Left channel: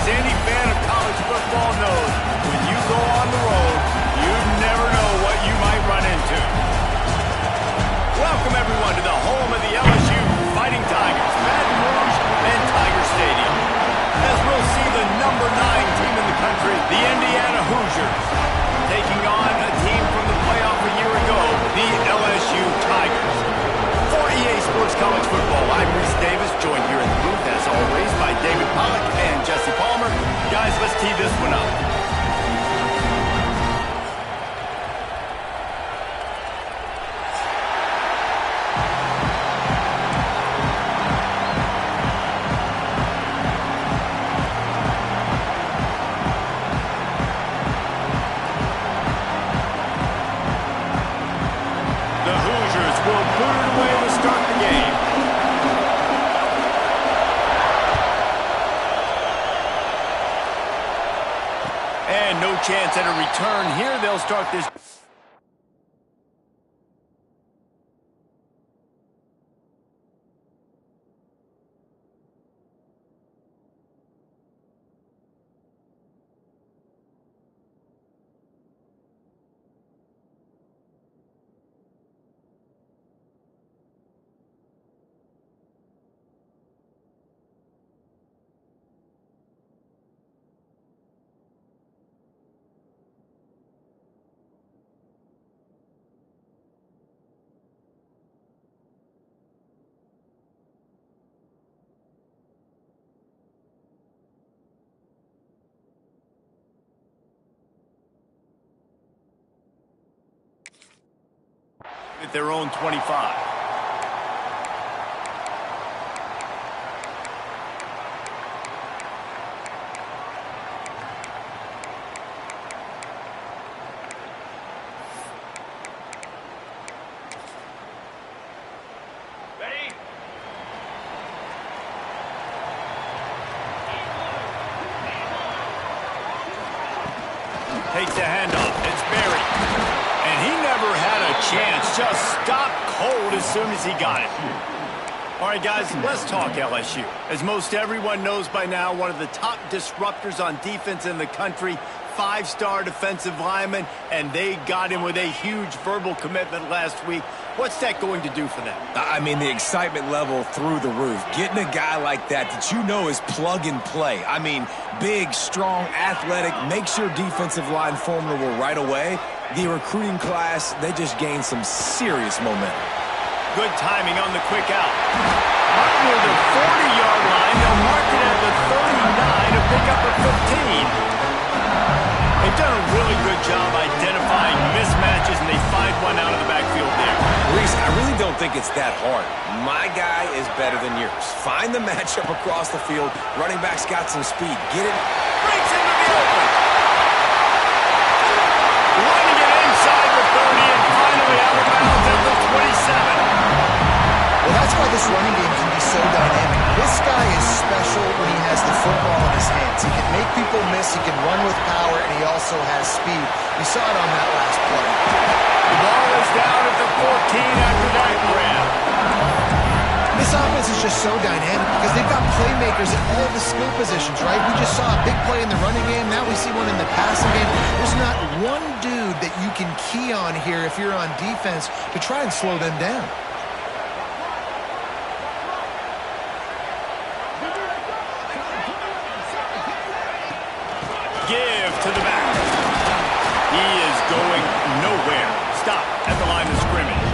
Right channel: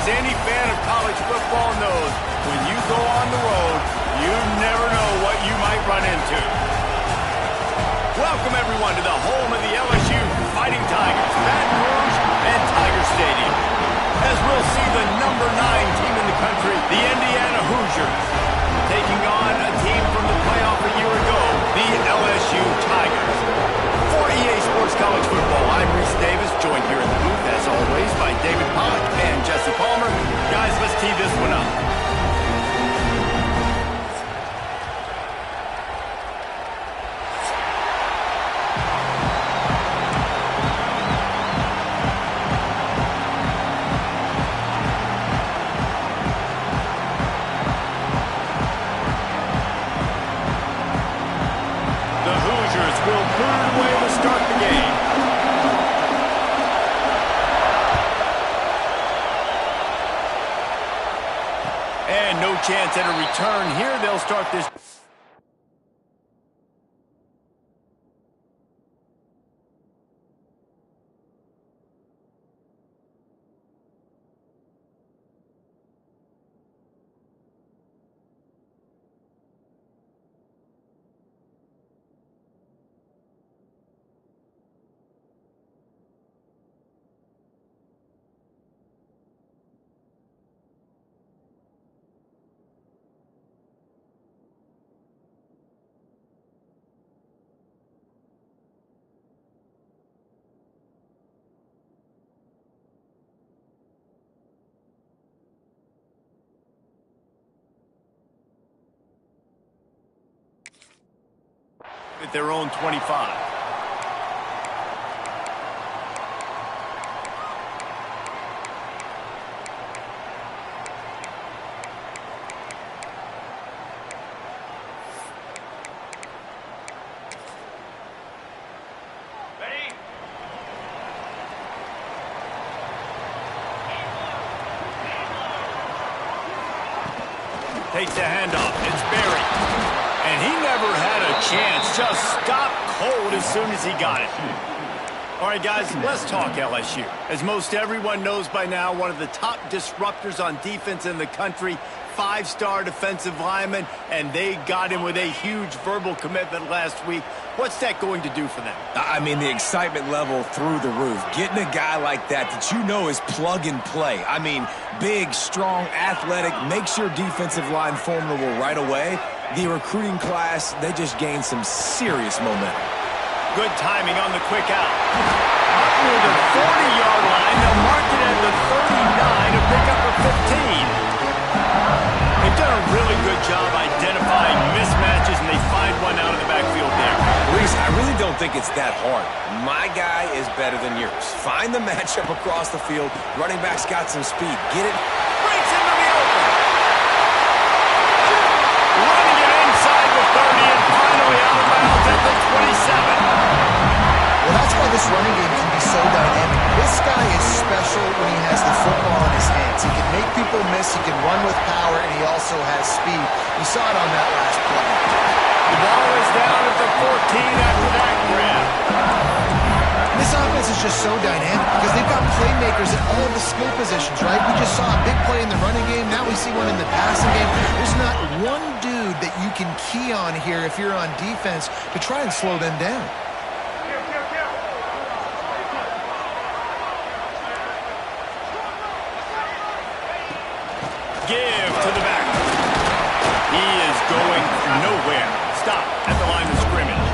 As any fan of college football knows, when you go on the road, you never know what you might run into. Welcome, everyone, to the home of the LSU Fighting Tigers, Baton Rouge and Tiger Stadium. As we'll see the number 9 team in the country, the Indiana Hoosiers, taking on a team from the playoff a year ago, the LSU Tigers. For EA Sports College Football, I'm Reese Davis, joined here in the booth, as always, by David Pollack and Jesse Palmer. Guys, let's tee this one up. Will boot it away to start the game. And no chance at a return here. They'll start this. At their own 25. Ready? Takes the handoff. It's Berry. And he never had a chance. Just stopped cold as soon as he got it. All right, guys, let's talk LSU. As most everyone knows by now, one of the top disruptors on defense in the country, 5-star defensive lineman, and they got him with a huge verbal commitment last week. What's that going to do for them? I mean, the excitement level through the roof. Getting a guy like that you know is plug and play. I mean, big, strong, athletic, makes your defensive line formidable right away. The recruiting class, they just gained some serious momentum. Good timing on the quick out. Up near the 40-yard line, they'll mark it at the 39 to pick up a 15. They've done a really good job identifying mismatches, and they find one out of the backfield there. Reese, I really don't think it's that hard. My guy is better than yours. Find the matchup across the field. Running back's got some speed. Get it. Breaks into the open. Running it inside the 30 and finally out of bounds at the 27. Well, that's why this running game can be so dynamic. This guy is special when he has the football in his hands. He can make people miss, he can run with power, and he also has speed. You saw it on that last play. The ball is down at the 14 after that grab. This offense is just so dynamic because they've got playmakers at all the skill positions, right? We just saw a big play in the running game. Now we see one in the passing game. There's not one dude that you can key on here if you're on defense to try and slow them down. Give to the back. He is going nowhere. Stop at the line of scrimmage.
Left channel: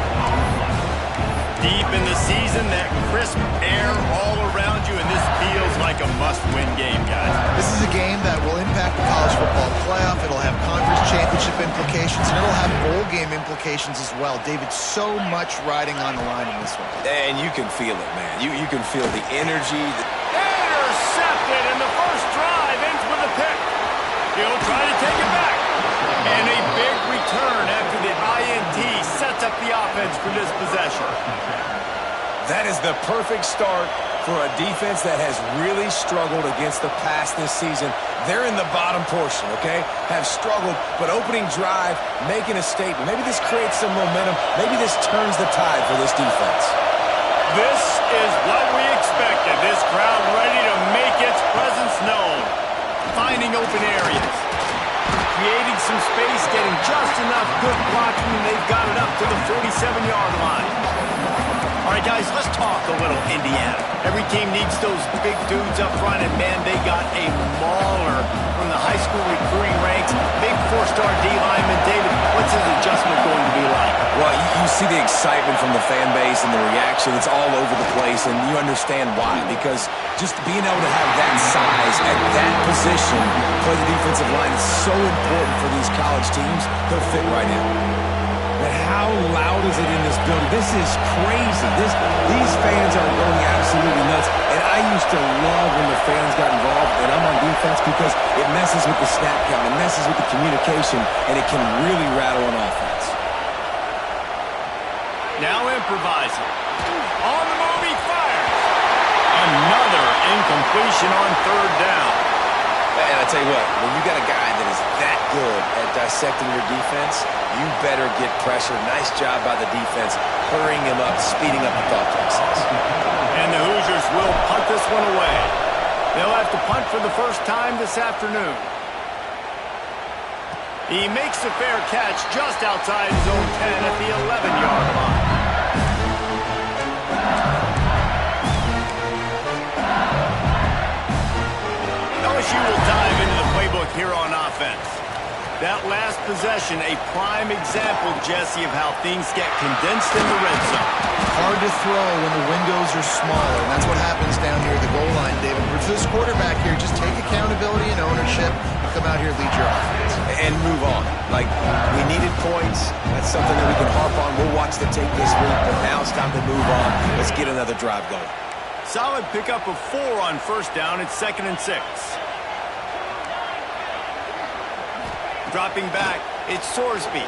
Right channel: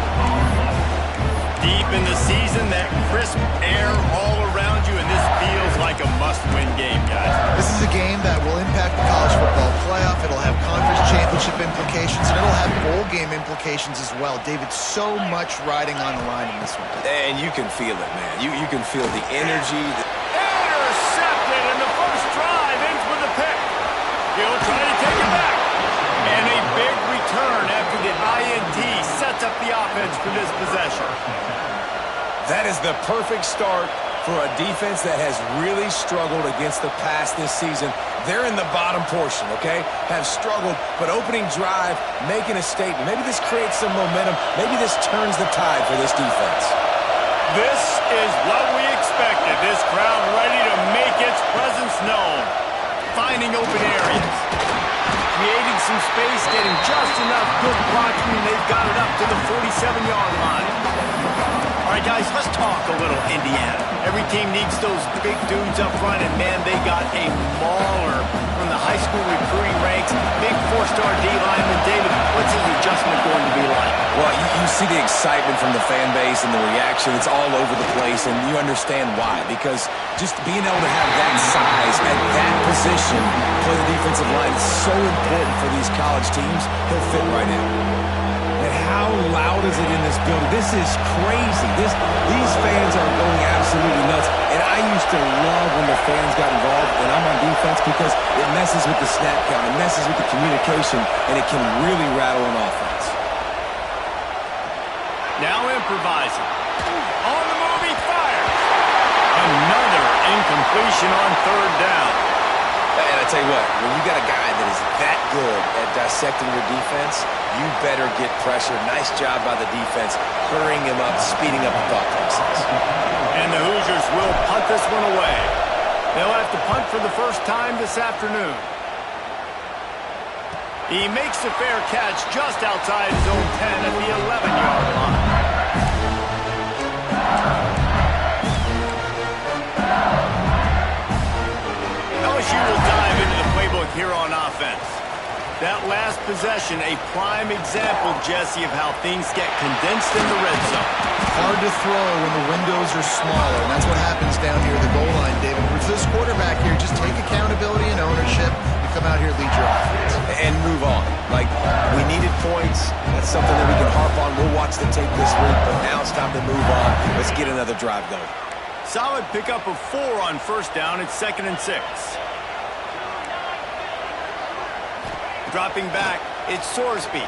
Deep in the season, that crisp air all around you, and this feels like a must-win game, guys. This is a game that will impact the college football playoff. It'll have conference championship implications, and it'll have bowl game implications as well. David, so much riding on the line in this one. And you can feel it, man. You can feel the energy. Intercepted, and the first drive ends with a pick. He'll try to take it back. And a big return after the INT sets up the offense for this possession. That is the perfect start for a defense that has really struggled against the pass this season. They're in the bottom portion, okay? Have struggled, but opening drive, making a statement. Maybe this creates some momentum. Maybe this turns the tide for this defense. This is what we expected. This crowd ready to make its presence known. finding open areas, creating some space, getting just enough good blocking, and they've got it up to the 47-yard line. All right, guys, let's talk a little Indiana. Every team needs those big dudes up front, and, man, they got a mauler from the high school recruiting ranks. Big four-star D-lineman. David, what's his adjustment going to be like? Well, you see the excitement from the fan base and the reaction. It's all over the place, and you understand why. Because just being able to have that size at that position, play the defensive line, is so important for these college teams. He'll fit right in. And how loud is it in this building? This is crazy. These fans are going absolutely nuts. And I used to love when the fans got involved, and I'm on defense, because it messes with the snap count, it messes with the communication, and it can really rattle an offense. Now improvising. On the move, he fires. Another incompletion on third down. And I tell you what, when you got a guy that is that good at dissecting your defense, you better get pressure. Nice job by the defense, hurrying him up, speeding up the thought process. And the Hoosiers will punt this one away. They'll have to punt for the first time this afternoon. He makes a fair catch just outside his own 10 at the 11-yard line. LSU will dive into the playbook here on offense. That last possession, a prime example, Jesse, of how things get condensed in the red zone. Hard to throw when the windows are smaller, and that's what happens down here at the goal line, David. For this quarterback here, just take accountability and ownership and come out here and lead your offense. And move on. Like, we needed points. That's something that we can harp on. We'll watch the tape this week, but now it's time to move on. Let's get another drive going. Solid pickup of 4 on first down. It's 2nd and 6. Dropping back, it's Sorsby.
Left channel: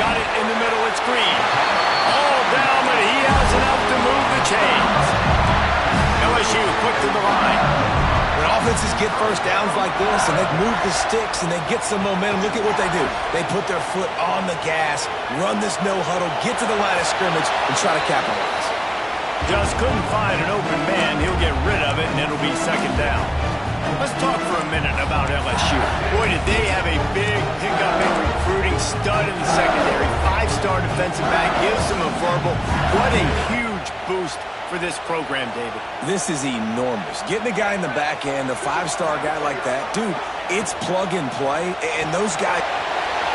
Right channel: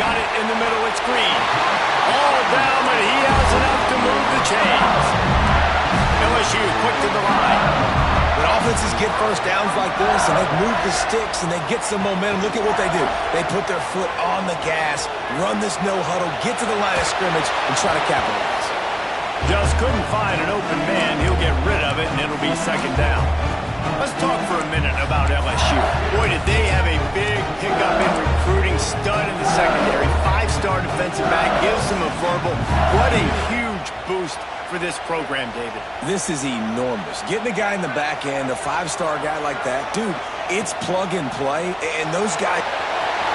Got it in the middle, it's Green. All down, but he has enough to move the chains. LSU quick to the line. When offenses get first downs like this and they move the sticks and they get some momentum, look at what they do. They put their foot on the gas, run this no huddle, get to the line of scrimmage, and try to capitalize. Just couldn't find an open man. He'll get rid of it, and it'll be 2nd down. Let's talk for a minute about LSU. Boy, did they have a big pickup in recruiting. Stud in the secondary. 5-star defensive back. Gives them a verbal. What a huge boost for this program, David. This is enormous. Getting a guy in the back end, a 5-star guy like that, dude, it's plug and play, and those guys...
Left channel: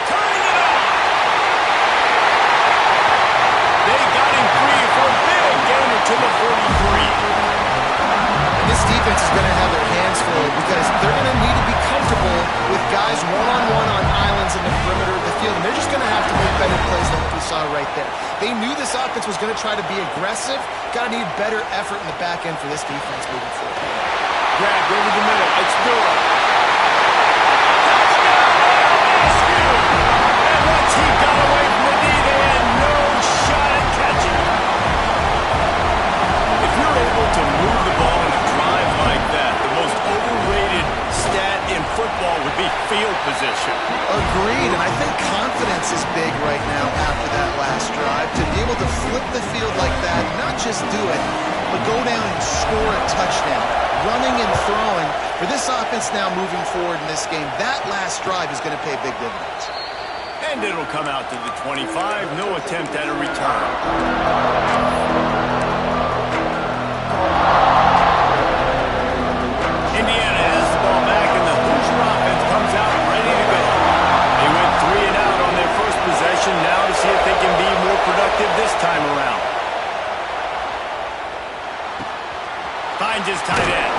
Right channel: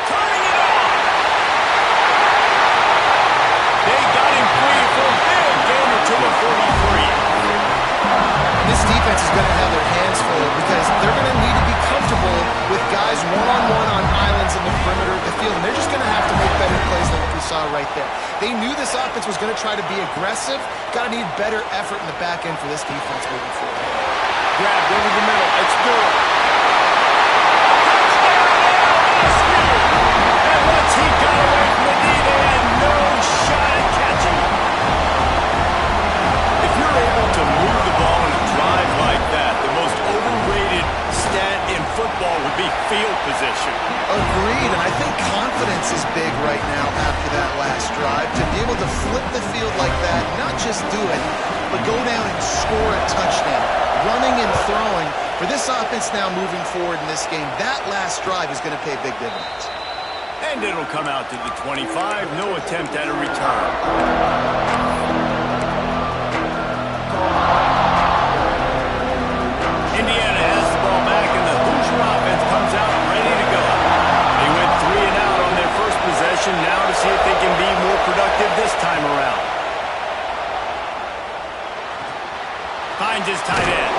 Turning it on! They got him free for a big gainer to the 43. This defense is going to have their hands full because they're going to need to be comfortable with guys one-on-one on islands in the perimeter of the field, and they're just going to have to make better plays than what we saw right there. They knew this offense was going to try to be aggressive. Got to need better effort in the back end for this defense moving forward. Grabbed over the middle. It's Durham. Touchdown, LSU! And once he got away from the D, they had no shot at catching him. If you're able to move the ball in a drive like that, the most overrated stat in football would be field position. Agreed, and I think confidence is big right now after that last drive. To be able to flip the field like that, not just do it, but go down and score a touchdown. Running and throwing. For this offense now moving forward in this game, that last drive is going to pay big dividends. And it'll come out to the 25. No attempt at a return. Indiana has the ball back, and the Hoosier offense comes out ready to go. They went 3 and out on their first possession, now to see if they can be more productive this time around. Finds his tight end.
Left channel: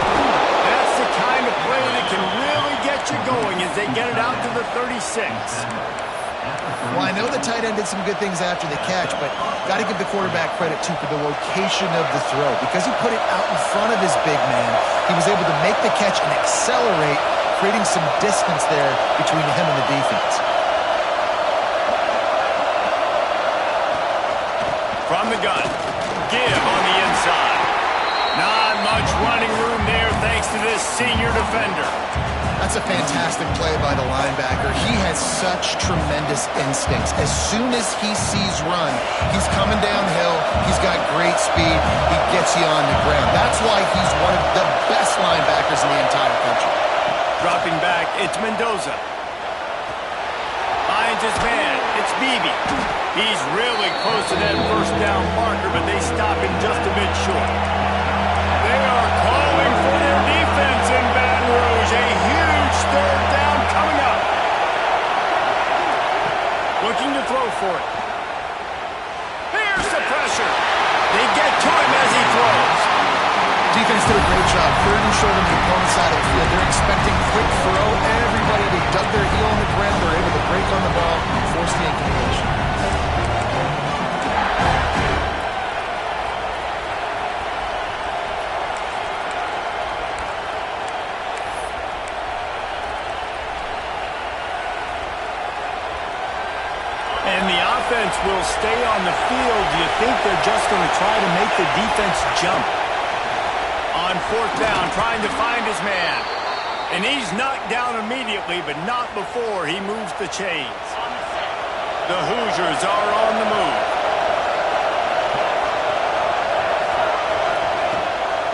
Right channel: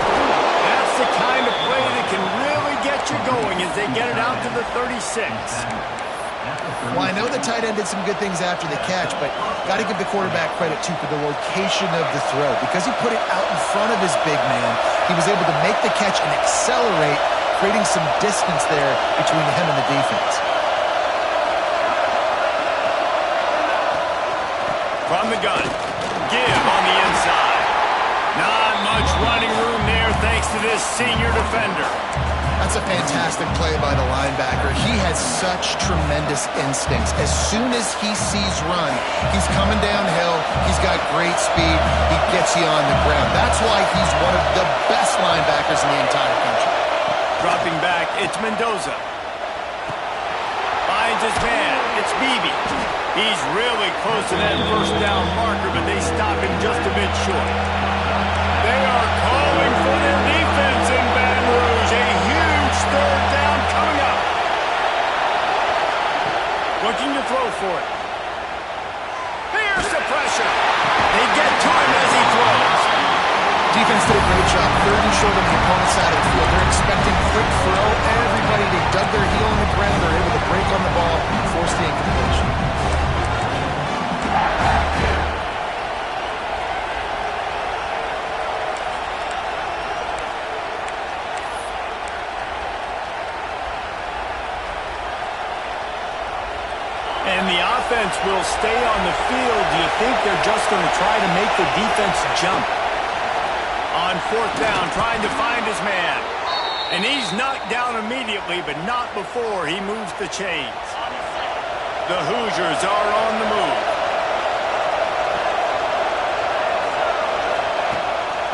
That's the kind of play that can really get you going as they get it out to the 36. Well, I know the tight end did some good things after the catch, but got to give the quarterback credit, too, for the location of the throw. Because he put it out in front of his big man, he was able to make the catch and accelerate, creating some distance there between him and the defense. From the gun, give on the inside. Not much running room there thanks to this senior defender. That's a fantastic play by the linebacker. He has such tremendous instincts. As soon as he sees run, he's coming downhill. He's got great speed. He gets you on the ground. That's why he's one of the best linebackers in the entire country. Dropping back, it's Mendoza. Finds his man, it's Beebe. He's really close to that first down marker, but they stop him just a bit short. They are calling for their defense in Baton Rouge. A huge third down coming up. Looking to throw for it. Here's the pressure. They get to him as he throws. Defense did a great job. Third and short on the opponent's side of the field. They're expecting quick throw. Everybody, they dug their heel on the ground. They're able to break on the ball and force the incompletion. And the offense will stay on the field. Do you think they're just going to try to make the defense jump? On fourth down, trying to find his man. And he's knocked down immediately, but not before he moves the chains. The Hoosiers are on the move.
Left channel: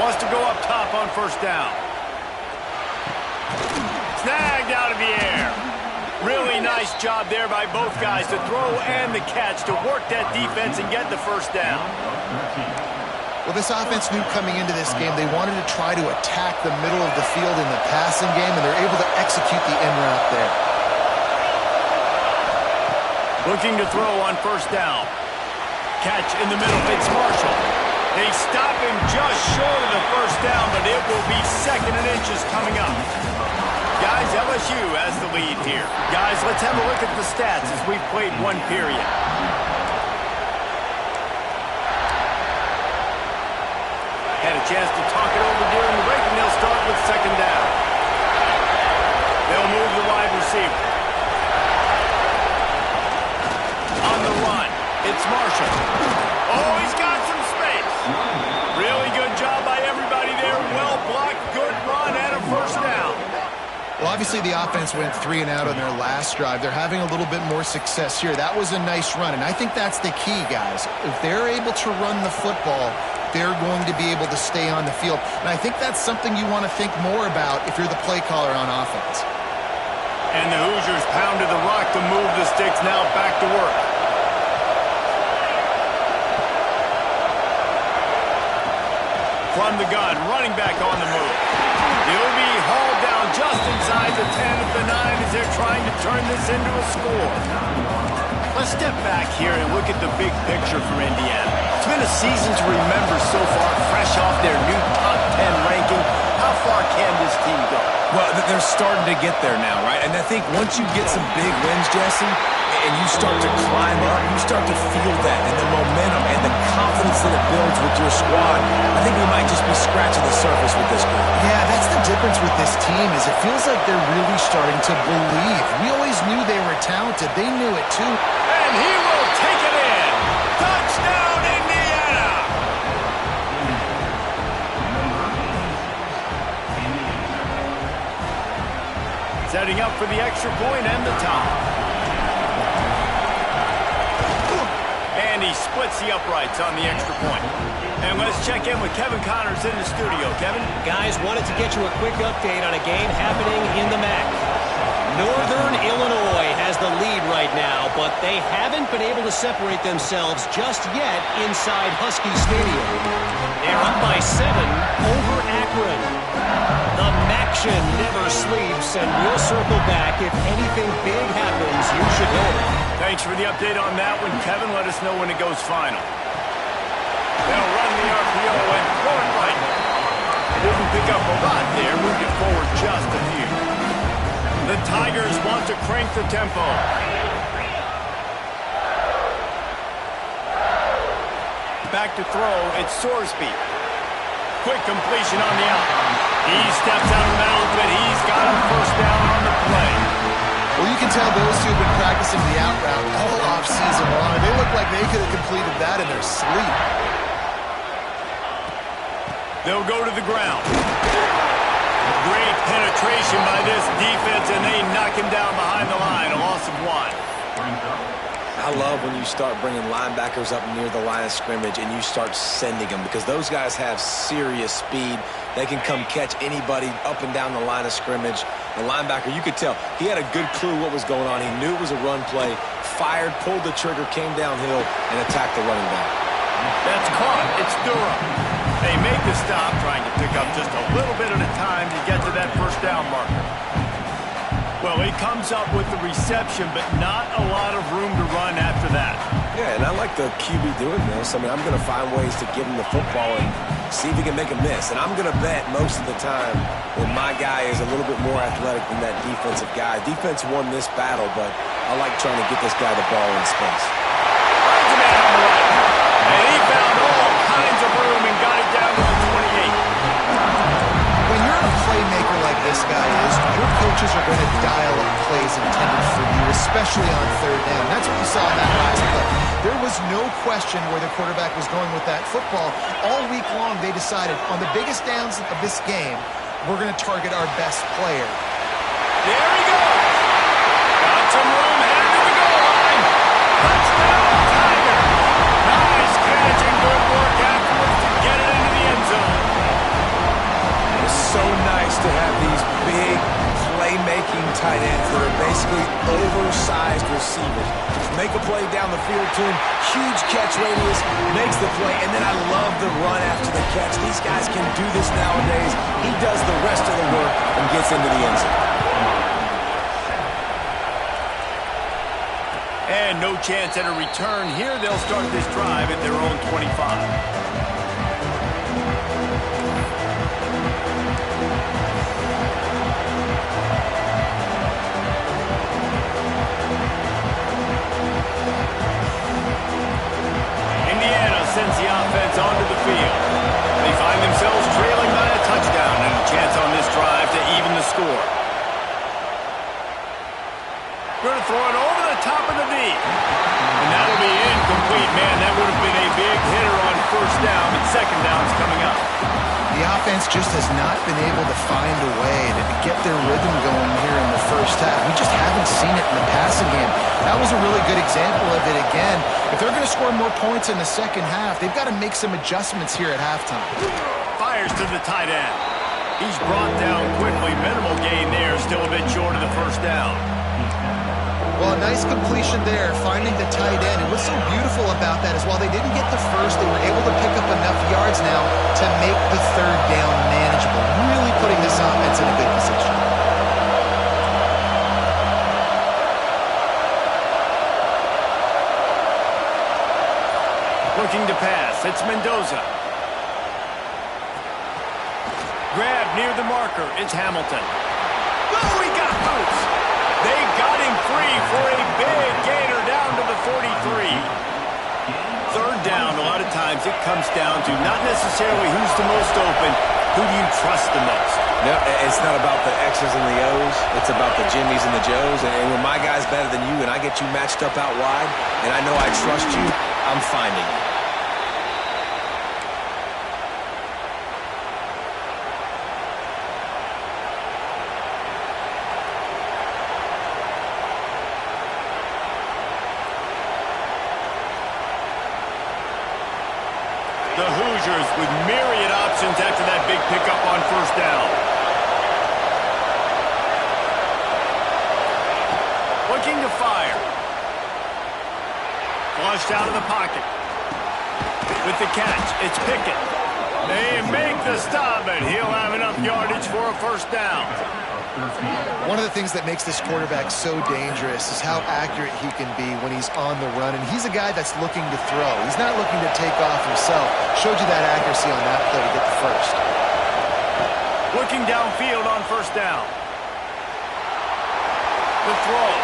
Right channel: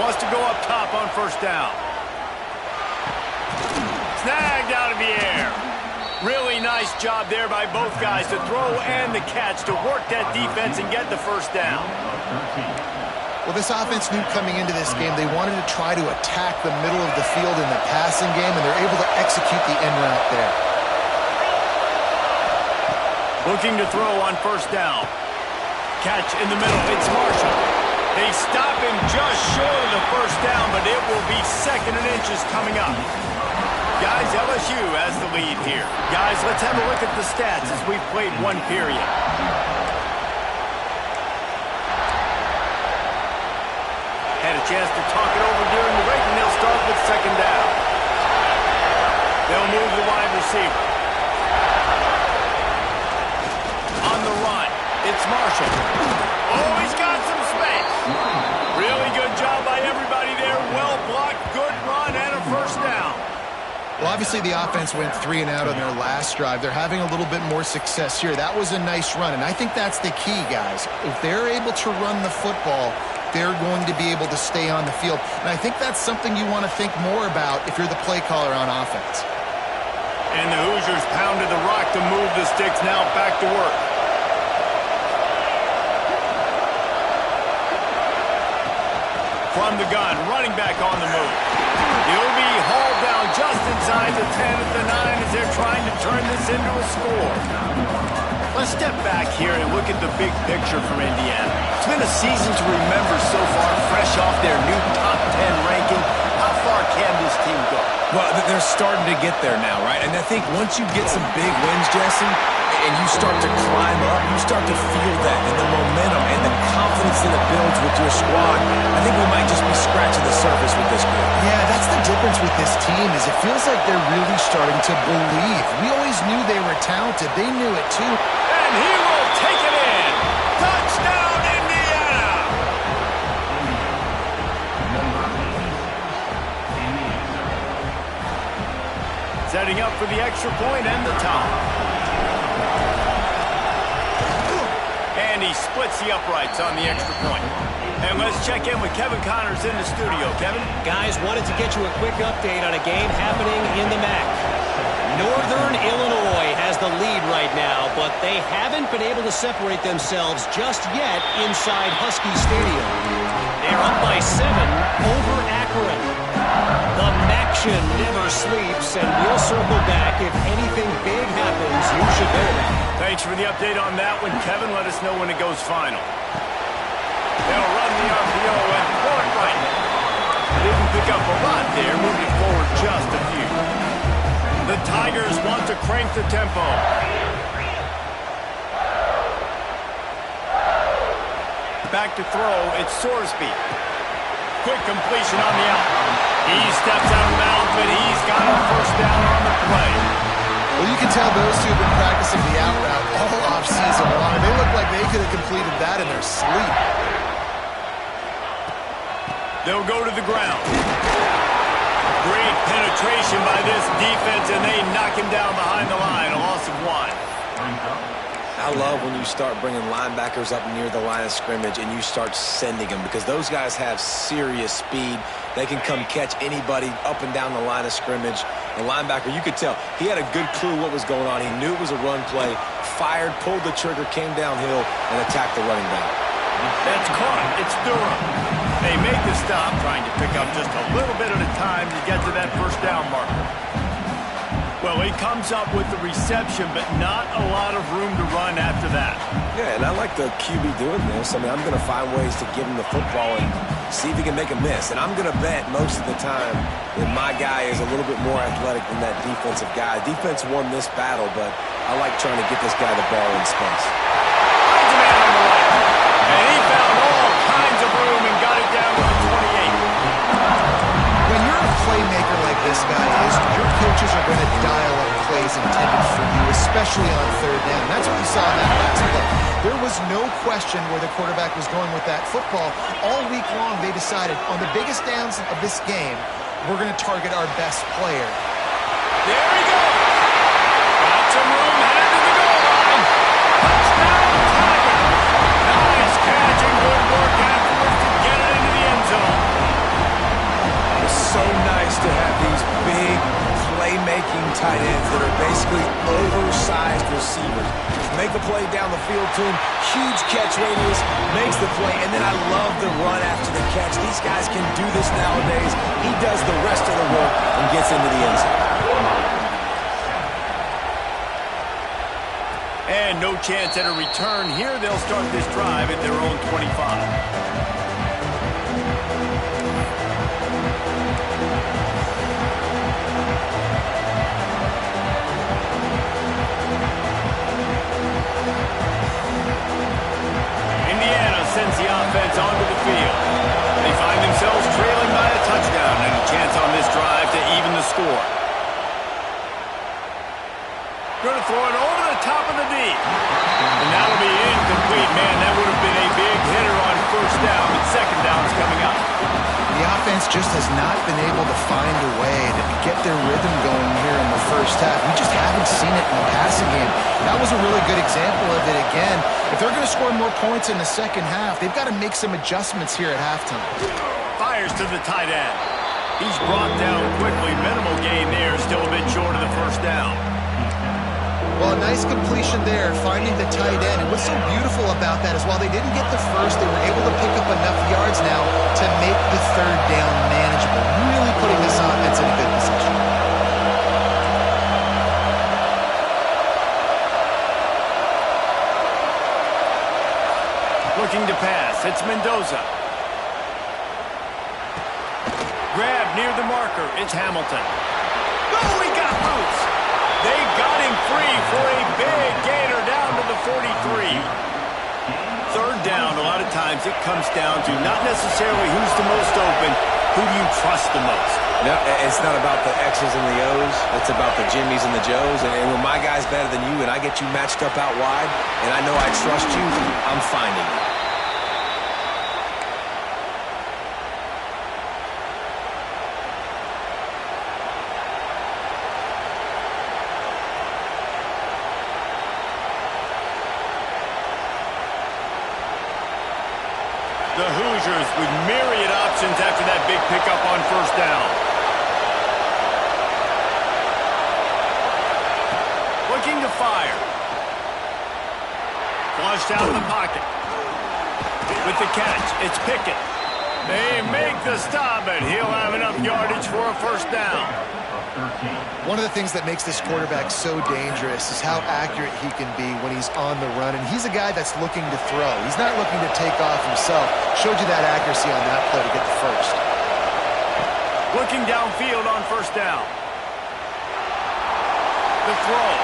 Wants to go up top on first down. Snagged out of the air. Really nice job there by both guys to throw and the catch to work that defense and get the first down. Well, this offense knew coming into this game they wanted to try to attack the middle of the field in the passing game, and they're able to execute the in route there. Looking to throw on first down. Catch in the middle. It's Marshall. They stop him just short of the first down, but it will be second and inches coming up. Guys, LSU has the lead here. Guys, let's have a look at the stats as we've played one period. Had a chance to talk it over during the break, and they'll start with second down. They'll move the wide receiver. On the run, it's Marshall. Oh, he's got some space. Really good job by everybody there. Well blocked, good run, and a first down. Well, obviously the offense went 3 and out on their last drive. They're having a little bit more success here. That was a nice run, and I think that's the key, guys. If they're able to run the football, they're going to be able to stay on the field. And I think that's something you want to think more about if you're the play caller on offense. And the Hoosiers pounded the rock to move the sticks. Now back to work. From the gun, running back on the move. He'll be hauled down just inside the 10 at the 9 as they're trying to turn this into a score. Let's step back here and look at the big picture for Indiana. It's been a season to remember so far, fresh off their new top 10 ranking. How far can this team go? Well, they're starting to get there now, right? And I think once you get some big wins, Jesse, and you start to climb up, you start to feel that and the momentum and the confidence that it builds with your squad. I think we might just be scratching the surface with this group. Yeah, that's the difference with this team is it feels like they're really starting to believe. We always knew they were talented. They knew it too. And he will take it in. Touchdown, Indiana! Setting up for the extra point and the top. And he splits the uprights on the extra point. And let's check in with Kevin Connors in the studio. Kevin? Guys, wanted to get you a quick update on a game happening in the MAC. Northern Illinois has the lead right now, but they haven't been able to separate themselves just yet inside Husky Stadium. They're up by 7 over Akron. The MACtion never sleeps, and we'll circle back. If anything big happens, you should know about it. Thanks for the update on that one, Kevin. Let us know when it goes final. They'll run the RPO and throw it right. Didn't pick up a lot there. Moved it forward just a few. The Tigers want to crank the tempo. Back to throw, it's Sorsby. Quick completion on the out. He steps out of bounds, but he's got a first down on the play. Well, you can tell those two have been practicing the out route all off-season long. They look like they could have completed that in their sleep. They'll go to the ground. Great penetration by this defense, and they knock him down behind the line. A loss of 1. I love when you start bringing linebackers up near the line of scrimmage and you start sending them because those guys have serious speed. They can come catch anybody up and down the line of scrimmage. The linebacker, you could tell, he had a good clue what was going on. He knew it was a run play, fired, pulled the trigger, came downhill, and attacked the running back. That's caught. It's Durham. They make the stop, trying to pick up just a little bit at a time to get to that first down marker. Well, he comes up with the reception, but not a lot of room to run after that. Yeah, and I like the QB doing this. I mean, I'm going to find ways to give him the football and see if he can make a miss. And I'm going to bet most of the time that my guy is a little bit more athletic than that defensive guy. Defense won this battle, but I like trying to get this guy the ball in space. Finds a man on the right. And he found all kinds of room and got it down to the 28. When you're a playmaker like this guy is, your coaches are going to dial up plays intended for you, especially on third down. That's what you saw in that last play. There was no question where the quarterback was going with that football. All week long, they decided on the biggest downs of this game, we're going to target our best player. There he goes. Got some room, headed to the goal line. Touchdown, Tiger. Nice catch and good work afterwards to get it into the end zone. It's so nice to have these big playmaking tight ends that are basically oversized receivers. Make a play down the field to him, huge catch radius, makes the play, and then I love the run after the catch. These guys can do this nowadays. He does the rest of the work and gets into the end zone. And no chance at a return here. They'll start this drive at their own 25. Sends the offense onto the field. They find themselves trailing by a touchdown and a chance on this drive to even the score. Going to throw it over the top of the knee. And that'll be incomplete. Man, that would have been a big hitter on first down, but second down's coming up. The offense just has not been able to find a way to get their rhythm going here in the first half. We just haven't seen it in the passing game. That was a really good example of it again. If they're going to score more points in the second half, they've got to make some adjustments here at halftime. Fires to the tight end. He's brought down quickly. Minimal gain there, still a bit short of the first down. Well, a nice completion there, finding the tight end. And what's so beautiful about that is while they didn't get the first, they were able to pick up enough yards now to make the third down manageable, really putting this offense in a good position. Looking to pass. It's Mendoza. Grab near the marker. It's Hamilton. Oh, he got loose. They got him free for a big gainer down to the 43. Third down, a lot of times it comes down to not necessarily who's the most open, who do you trust the most? No, it's not about the X's and the O's. It's about the Jimmies and the Joes. And when my guy's better than you and I get you matched up out wide and I know I trust you, I'm finding you. The Hoosiers with myriad options after that big pickup on first down. Looking to fire. Flushed out of the pocket. With the catch, it's Pickett. They make the stop, but he'll have enough yardage for a first down. One of the things that makes this quarterback so dangerous is how accurate he can be when he's on the run. And he's a guy that's looking to throw. He's not looking to take off himself. Showed you that accuracy on that play to get the first. Looking downfield on first down. The throw.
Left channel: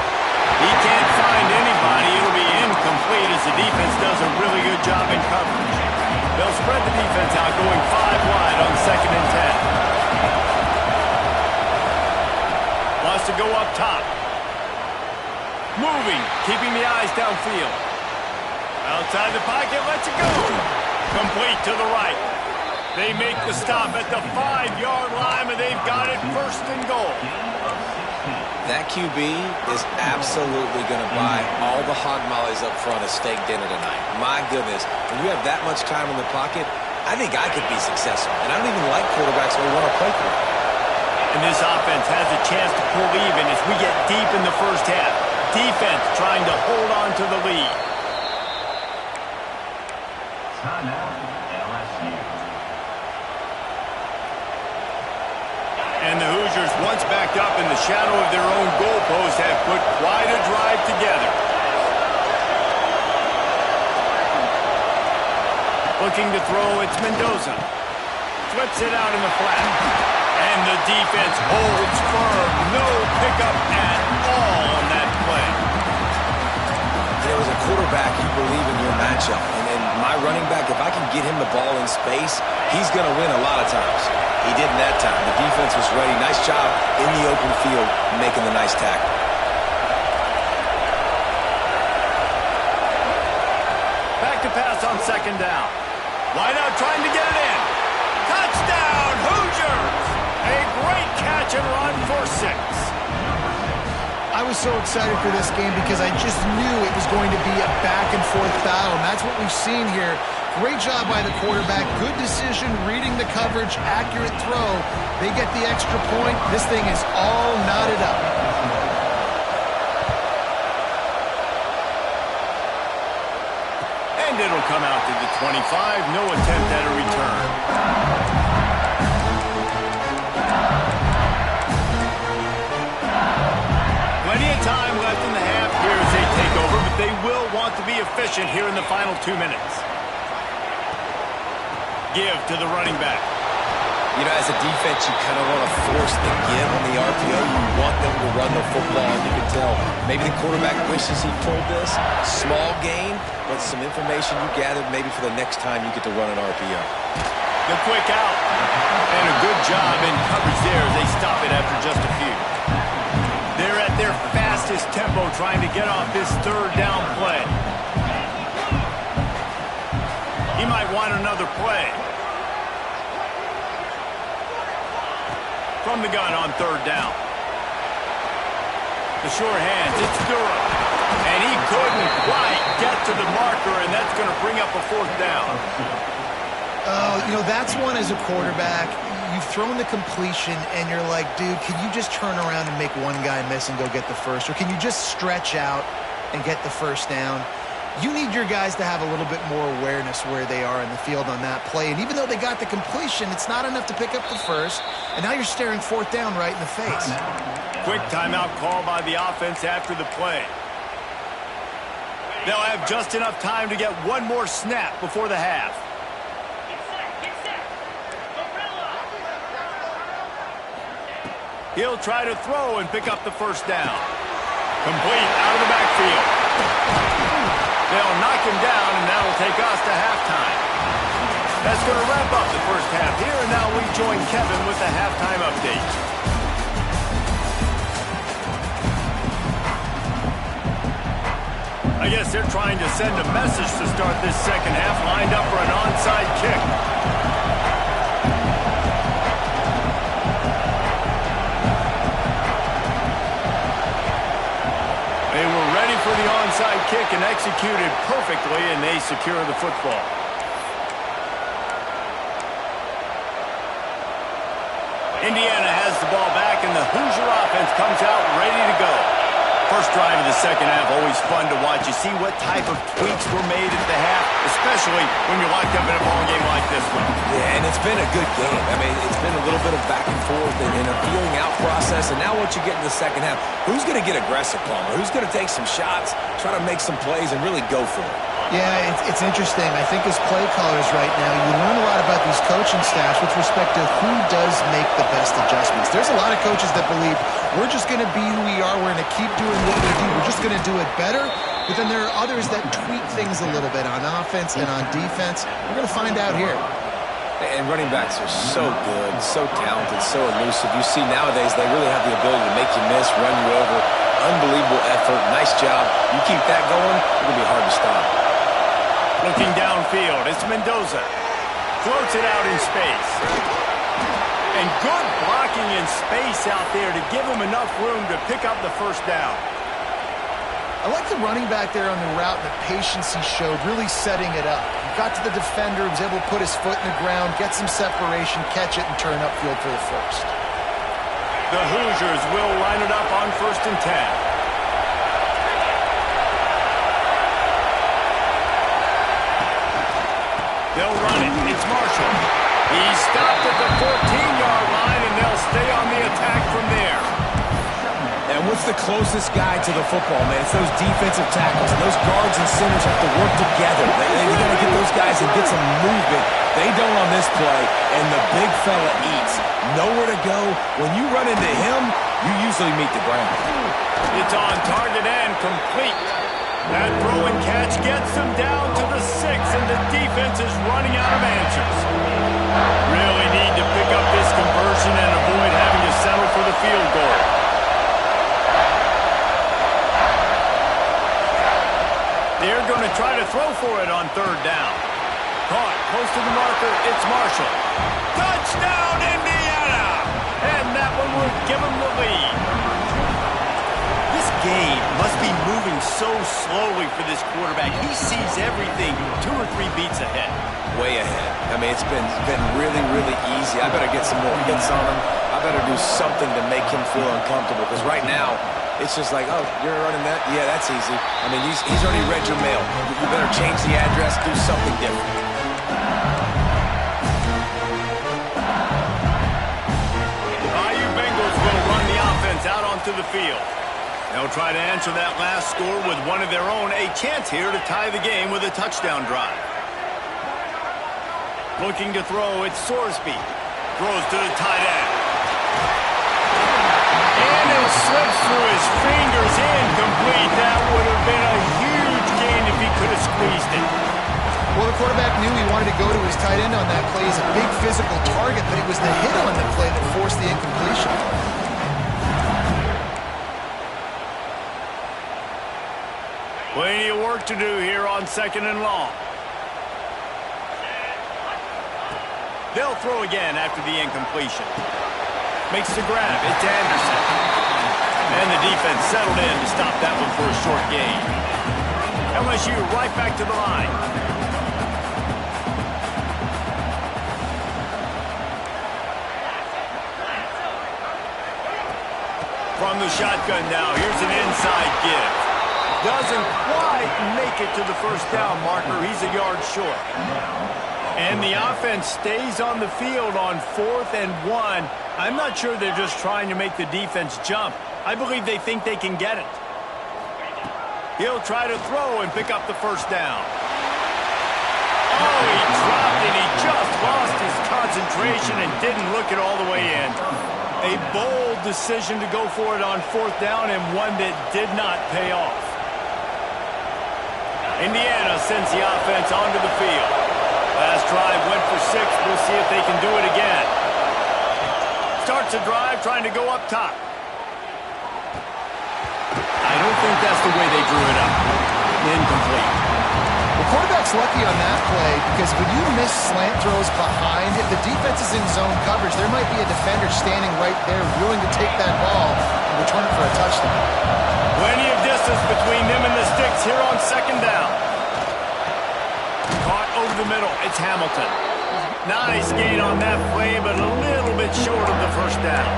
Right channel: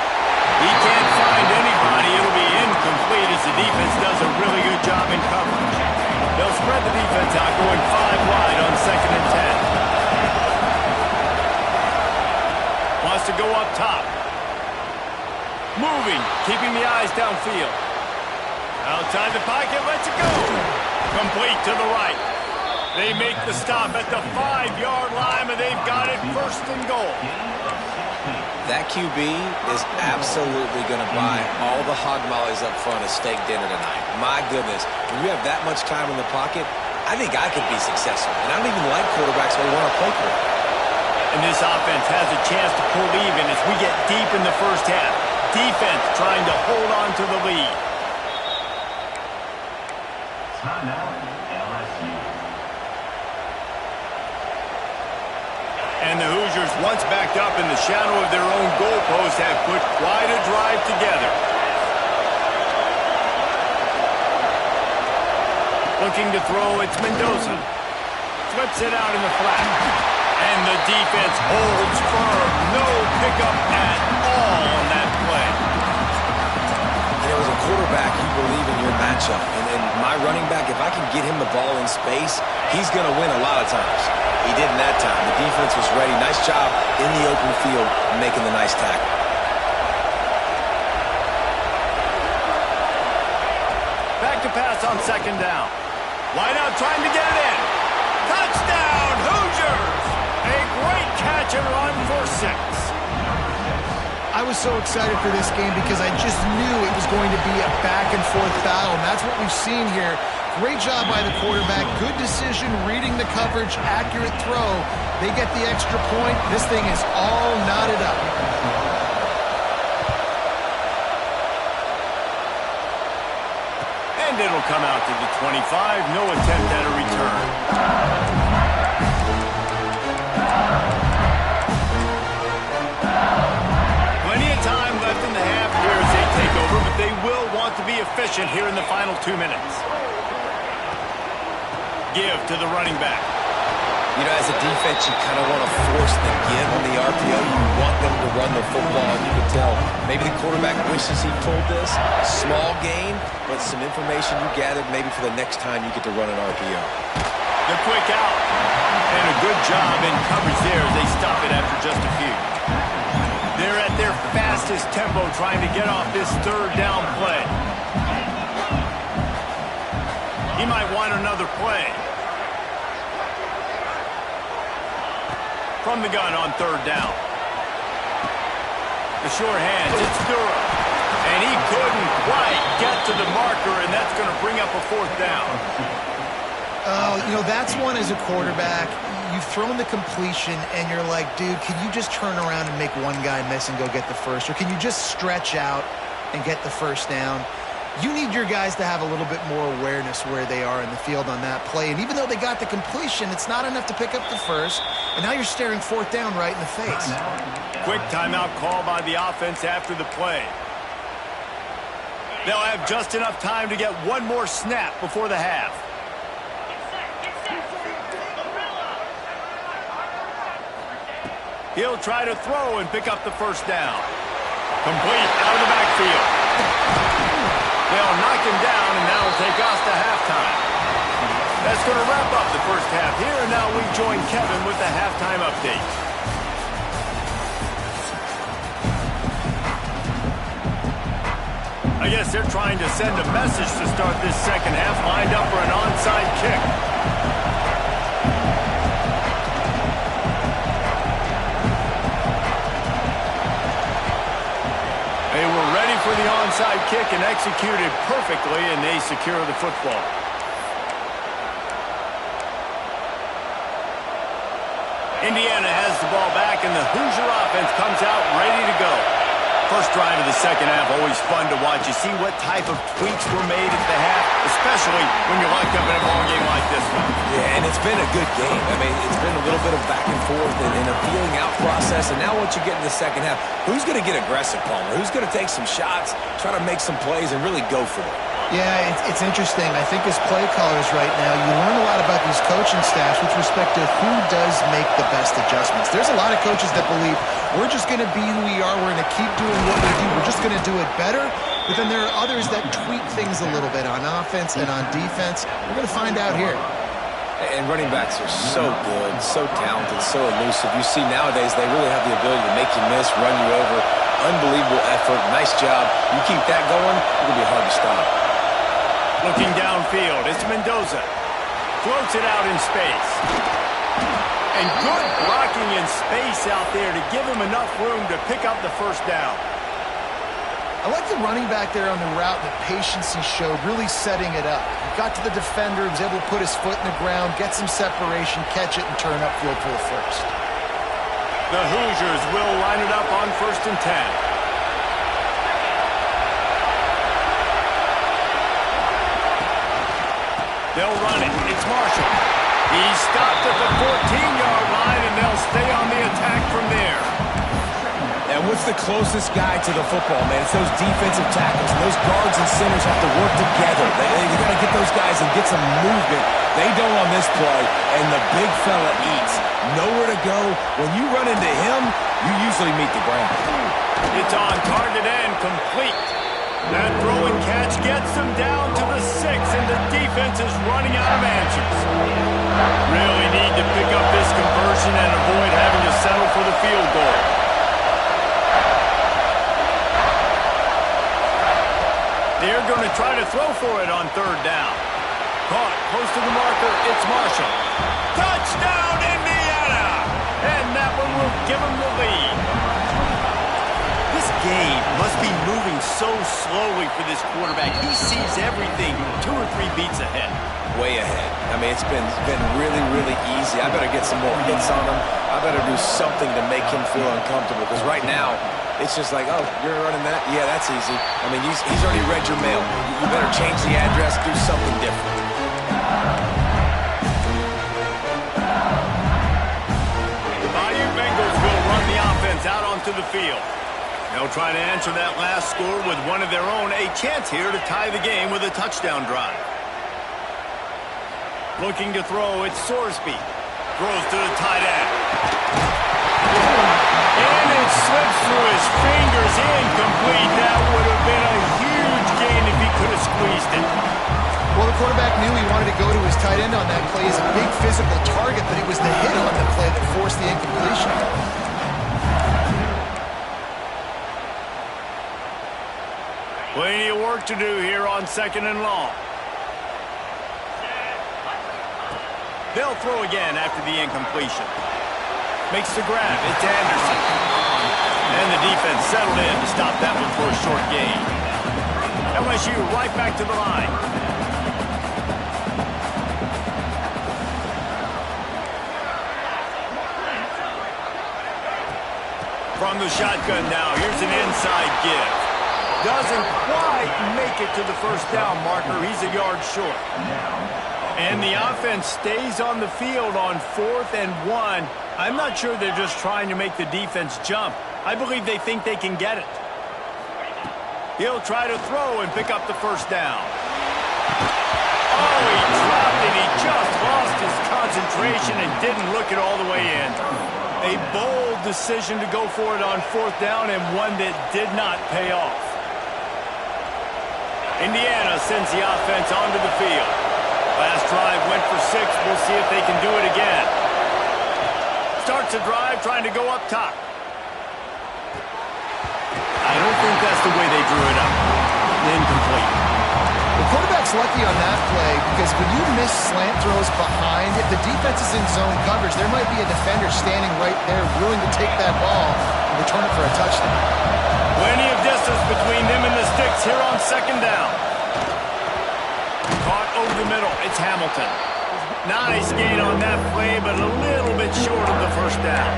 He can't find anybody. It'll be incomplete as the defense does a really good job in coverage. They'll spread the defense out going 5 wide on 2nd and 10. Wants to go up top. Moving, keeping the eyes downfield. Outside the pocket, lets it go. Complete to the right. They make the stop at the 5-yard line, and they've got it 1st and goal. That QB is absolutely going to buy all the hog mollies up front at steak dinner tonight. My goodness, when you have that much time in the pocket, I think I could be successful. And I don't even like quarterbacks who want to play quarterback. And this offense has a chance to pull even as we get deep in the first half. Defense trying to hold on to the lead. Timeout, LSU. And the Hoosiers, once backed up in the shadow of their own goalpost, have put quite a drive together. Looking to throw, it's Mendoza. Flips it out in the flat. And the defense holds firm. No pickup at all on that play. You know, as a quarterback, you believe in your matchup. And my running back, if I can get him the ball in space, he's going to win a lot of times. He didn't that time. The defense was ready. Nice job in the open field making the nice tackle. Back to pass on second down. Wide out trying to get it in. Touchdown, Hoosiers! A great catch and run for 6. I was so excited for this game because I just knew it was going to be a back-and-forth battle, and that's what we've seen here. Great job by the quarterback. Good decision, reading the coverage, accurate throw. They get the extra point. This thing is all knotted up. And it'll come out to the 25. No attempt at a return. Plenty of time left in the half here as they take over, but they will want to be efficient here in the final 2 minutes. Give to the running back. You know, as a defense, you kind of want to force the give on the RPO. You want them to run the football, and you can tell maybe the quarterback wishes he pulled this. Small gain, but some information you gathered maybe for the next time you get to run an RPO. The quick out. And a good job in coverage there as they stop it after just a few. They're at their fastest tempo trying to get off this third down play. He might want another play. From the gun on third down. The short hands, it's Durham. And he couldn't quite get to the marker, and that's going to bring up a fourth down. Oh, you know, that's one as a quarterback. You've thrown the completion, and you're like, dude, can you just turn around and make one guy miss and go get the first? Or can you just stretch out and get the first down? You need your guys to have a little bit more awareness where they are in the field on that play. And even though they got the completion, it's not enough to pick up the first. And now you're staring fourth down right in the face. Quick timeout call by the offense after the play. They'll have just enough time to get one more snap before the half. He'll try to throw and pick up the first down. Complete out of the backfield. They'll knock him down, and that'll take us to halftime. That's going to wrap up the first half here, and now we join Kevin with the halftime update. I guess they're trying to send a message to start this second half, lined up for an onside kick. They were ready for the onside kick and executed perfectly, and they secure the football. Indiana has the ball back, and the Hoosier offense comes out ready to go. First drive of the second half, always fun to watch. You see what type of tweaks were made at the half, especially when you're locked up in a ball game like this one. Yeah, and it's been a good game. I mean, it's been a little bit of back and forth and a feeling out process. And now once you get in the second half, who's going to get aggressive, Palmer? Who's going to take some shots, try to make some plays, and really go for it? Yeah, it's interesting. I think as play callers right now, you learn a lot about these coaching staffs with respect to who does make the best adjustments. There's a lot of coaches that believe we're just going to be who we are. We're going to keep doing what we do. We're just going to do it better. But then there are others that tweak things a little bit on offense and on defense. We're going to find out here. And running backs are so good, so talented, so elusive. You see nowadays they really have the ability to make you miss, run you over. Unbelievable effort. Nice job. You keep that going, it's going to be hard to stop. Looking downfield, it's Mendoza. Floats it out in space. And good blocking in space out there to give him enough room to pick up the first down. I like the running back there on the route and the patience he showed, really setting it up. He got to the defender, was able to put his foot in the ground, get some separation, catch it, and turn upfield for the first. The Hoosiers will line it up on 1st and 10. They'll run it. It's Marshall. He's stopped at the 14-yard line, and they'll stay on the attack from there. And what's the closest guy to the football, man? It's those defensive tackles, and those guards and centers have to work together. They got to get those guys and get some movement. They don't on this play, and the big fella eats. Nowhere to go. When you run into him, you usually meet the ground. It's on target and complete. That throw and catch gets them down to the 6, and the defense is running out of answers. Really need to pick up this conversion and avoid having to settle for the field goal. They're going to try to throw for it on 3rd down. Caught close to the marker. It's Marshall. Touchdown, Indiana! And that one will give them the lead. This game must be moving so slowly for this quarterback. He sees everything 2 or 3 beats ahead. Way ahead. I mean, it's been really, really easy. I better get some more hits on him. I better do something to make him feel uncomfortable, because right now, it's just like, oh, you're running that? Yeah, that's easy. I mean, he's already read your mail. You better change the address, do something different. Bayou Bengals will run the offense out onto the field. They'll try to answer that last score with one of their own. A chance here to tie the game with a touchdown drive. Looking to throw, it's Sorsby. Throws to the tight end. And it slips through his fingers, incomplete. That would have been a huge gain if he could have squeezed it. Well, the quarterback knew he wanted to go to his tight end on that play. He's a big physical target, but it was the hit on the play that forced the incompletion. Plenty of work to do here on 2nd and long. They'll throw again after the incompletion. Makes the grab. It's Anderson. And the defense settled in to stop that one for a short gain. LSU right back to the line. From the shotgun now, here's an inside give. Doesn't quite make it to the 1st down marker. He's a yard short. And the offense stays on the field on 4th and 1. I'm not sure they're just trying to make the defense jump. I believe they think they can get it. He'll try to throw and pick up the 1st down. Oh, he dropped it. He just lost his concentration and didn't look it all the way in. A bold decision to go for it on 4th down, and one that did not pay off. Indiana sends the offense onto the field. Last drive went for 6. We'll see if they can do it again. Starts a drive trying to go up top. I don't think that's the way they drew it up. Incomplete. The quarterback's lucky on that play because when you miss slant throws behind, if the defense is in zone coverage, there might be a defender standing right there willing to take that ball and return it for a touchdown. Plenty of distance between them and the sticks here on 2nd down. Caught over the middle. It's Hamilton. Nice gain on that play, but a little bit short of the 1st down.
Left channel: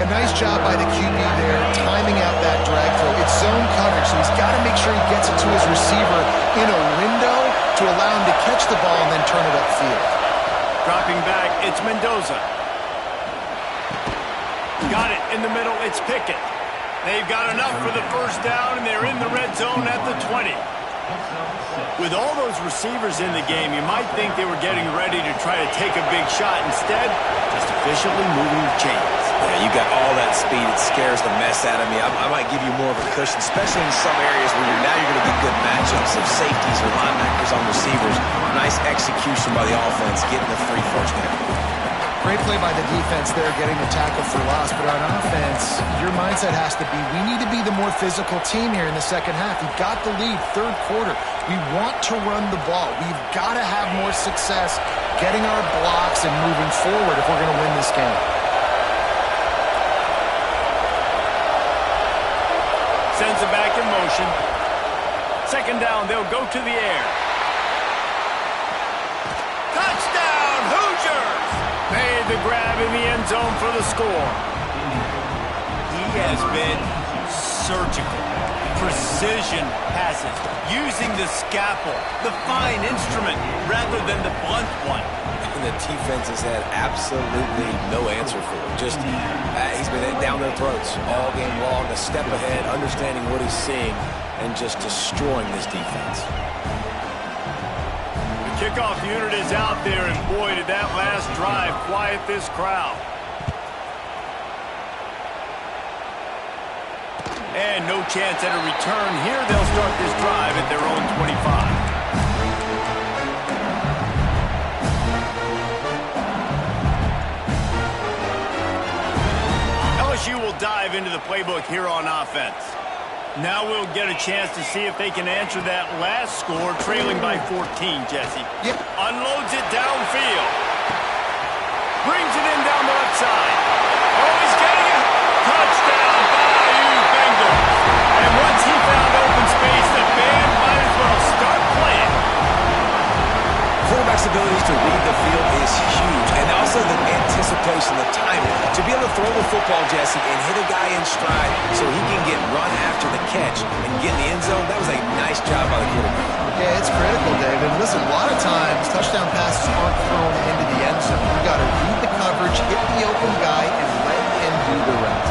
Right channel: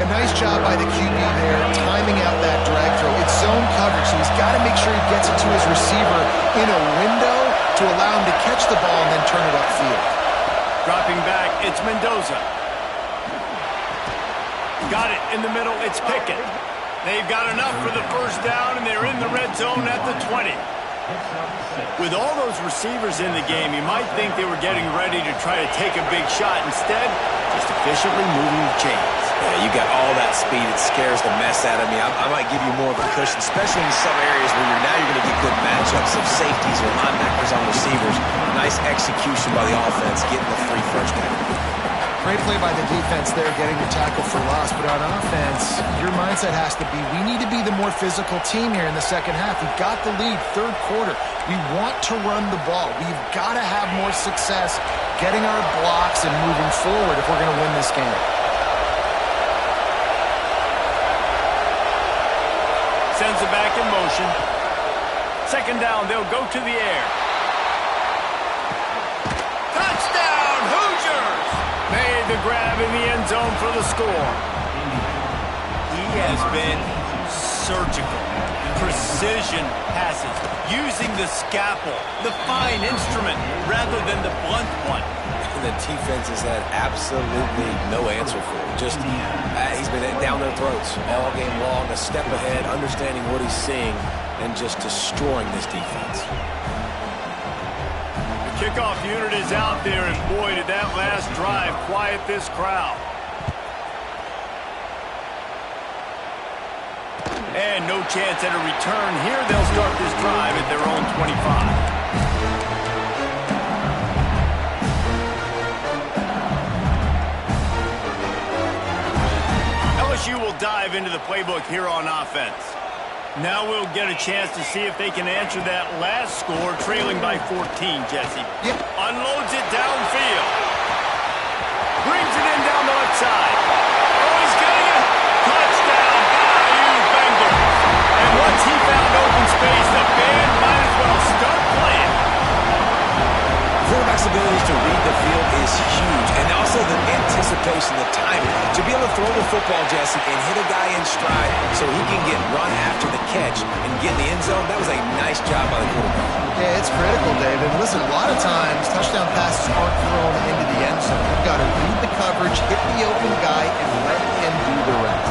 A nice job by the QB there, timing out that drag throw. It's zone coverage, so he's got to make sure he gets it to his receiver in a window to allow him to catch the ball and then turn it upfield. Dropping back, it's Mendoza. Got it in the middle, it's Pickett. They've got enough for the 1st down, and they're in the red zone at the 20. With all those receivers in the game, you might think they were getting ready to try to take a big shot. Instead, just efficiently moving the chains. Yeah, you got all that speed. It scares the mess out of me. I might give you more of a cushion, especially in some areas where you're going to get good matchups of safeties or linebackers on receivers. Nice execution by the offense, getting the 3 first down. Great play by the defense there, getting the tackle for loss. But on offense, your mindset has to be, we need to be the more physical team here in the second half. We've got the lead, 3rd quarter. We want to run the ball. We've got to have more success getting our blocks and moving forward if we're going to win this game. Sends it back in motion. 2nd down, they'll go to the air. Touchdown, Hoosiers! Made the grab in the end zone for the score. has been surgical. Precision passes, using the scalpel, the fine instrument, rather than the blunt one. And the defense has had absolutely no answer for it. Just, he's been down their throats all game long, a step ahead, understanding what he's seeing, and just destroying this defense. The kickoff unit is out there, and boy, did that last drive quiet this crowd. And no chance at a return here. They'll start this drive at their own 25. LSU will dive into the playbook here on offense. Now we'll get a chance to see if they can answer that last score, trailing by 14, Jesse. Yep. Unloads it downfield. Brings it in down the left side. Oh, he's getting a touchdown, Bayou Bengals. And once he found open space, the band might as well start playing. Quarterback's ability to read the field is huge, and also the anticipation, the timing. To be able to throw the football, Jesse, and hit a guy in stride so he can get run after the catch and get in the end zone, that was a nice job by the quarterback. Yeah, it's critical, David. Listen, a lot of times, touchdown passes aren't thrown into the end zone. You've got to read the coverage, hit the open guy, and let him do the rest.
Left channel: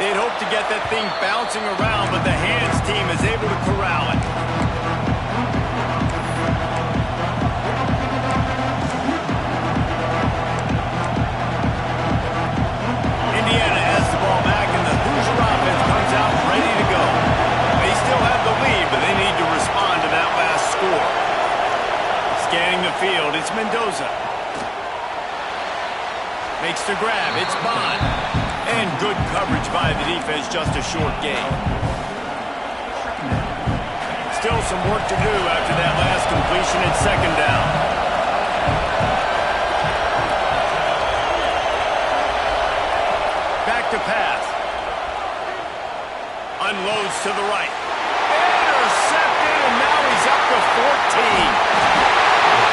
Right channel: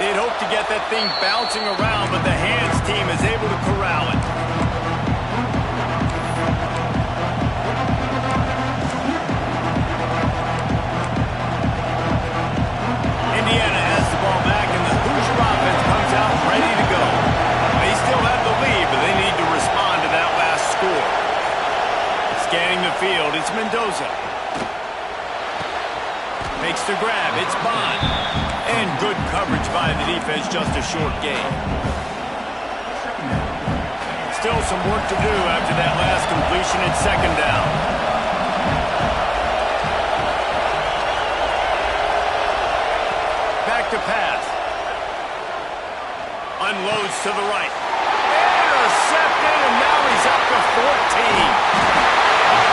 They'd hope to get that thing bouncing around, but the hands team is able to corral it. Indiana has the ball back, and the Hoosier offense comes out ready to go. They still have the lead, but they need to respond to that last score. Scanning the field, it's Mendoza. Makes the grab, it's Bond. And good coverage by the defense, just a short gain. Still some work to do after that last completion at second down. Back to pass. Unloads to the right. Intercepted, and now he's up to 14.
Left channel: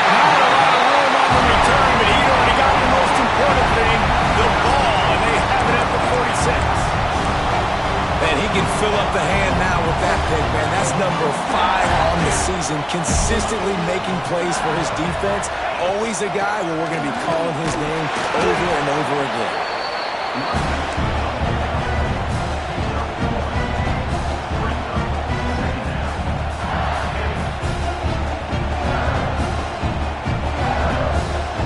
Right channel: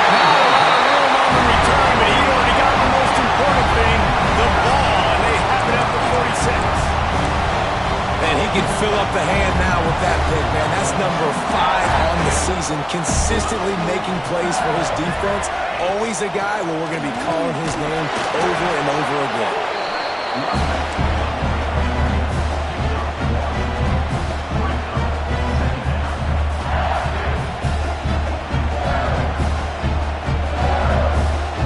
Not a lot of room on the return, but he already got the most important thing, the ball, and they have it at the 46. And he can fill up the hand now with that pick, man. That's number 5 on the season, consistently making plays for his defense. Always a guy where we're going to be calling his name over and over again.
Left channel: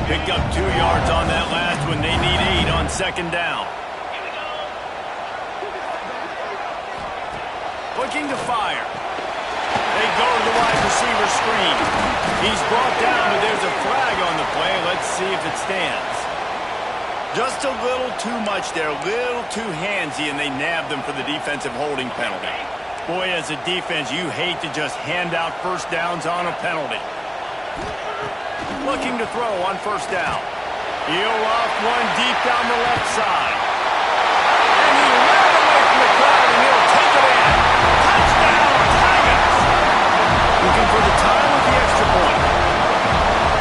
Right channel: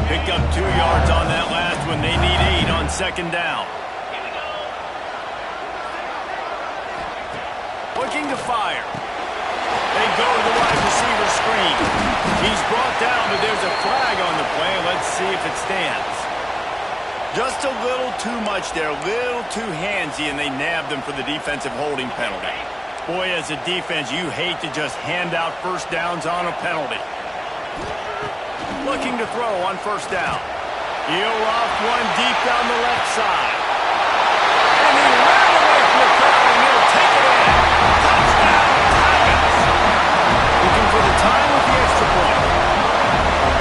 Picked up 2 yards on that last one. They need 8 on second down. Looking to fire. They go to the wide receiver screen. He's brought down, but there's a flag on the play. Let's see if it stands. Just a little too much there, a little too handsy, and they nabbed them for the defensive holding penalty. Boy, as a defense, you hate to just hand out first downs on a penalty. Looking to throw on first down. He'll off one deep down the left side. And he ran away from the crowd, and he'll take it in. Touchdown, Tigers! Looking for the time with the extra point.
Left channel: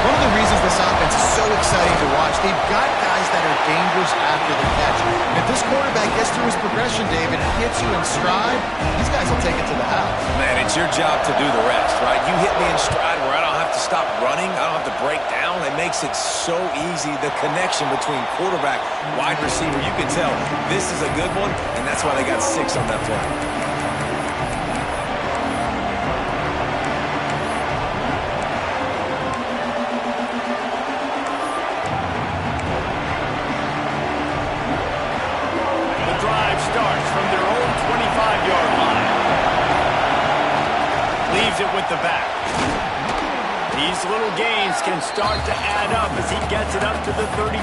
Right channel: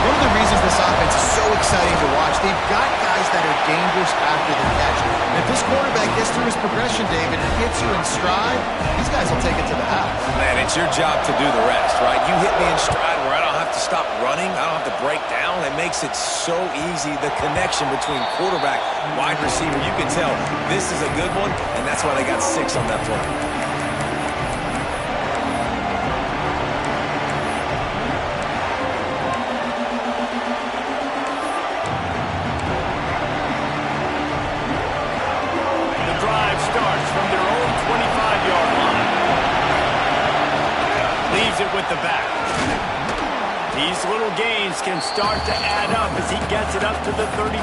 One of the reasons this offense is so exciting to watch, they've got guys that are dangerous after the catch. And if this quarterback gets through his progression, David, and hits you in stride, these guys will take it to the house. Man, it's your job to do the rest, right? You hit me in stride where I don't have to stop running. I don't have to break down. It makes it so easy, the connection between quarterback, wide receiver. You can tell this is a good one, and that's why they got 6 on that play. Starts from their own 25-yard line. Leaves it with the back. These little gains can start to add up as he gets it up to the 34.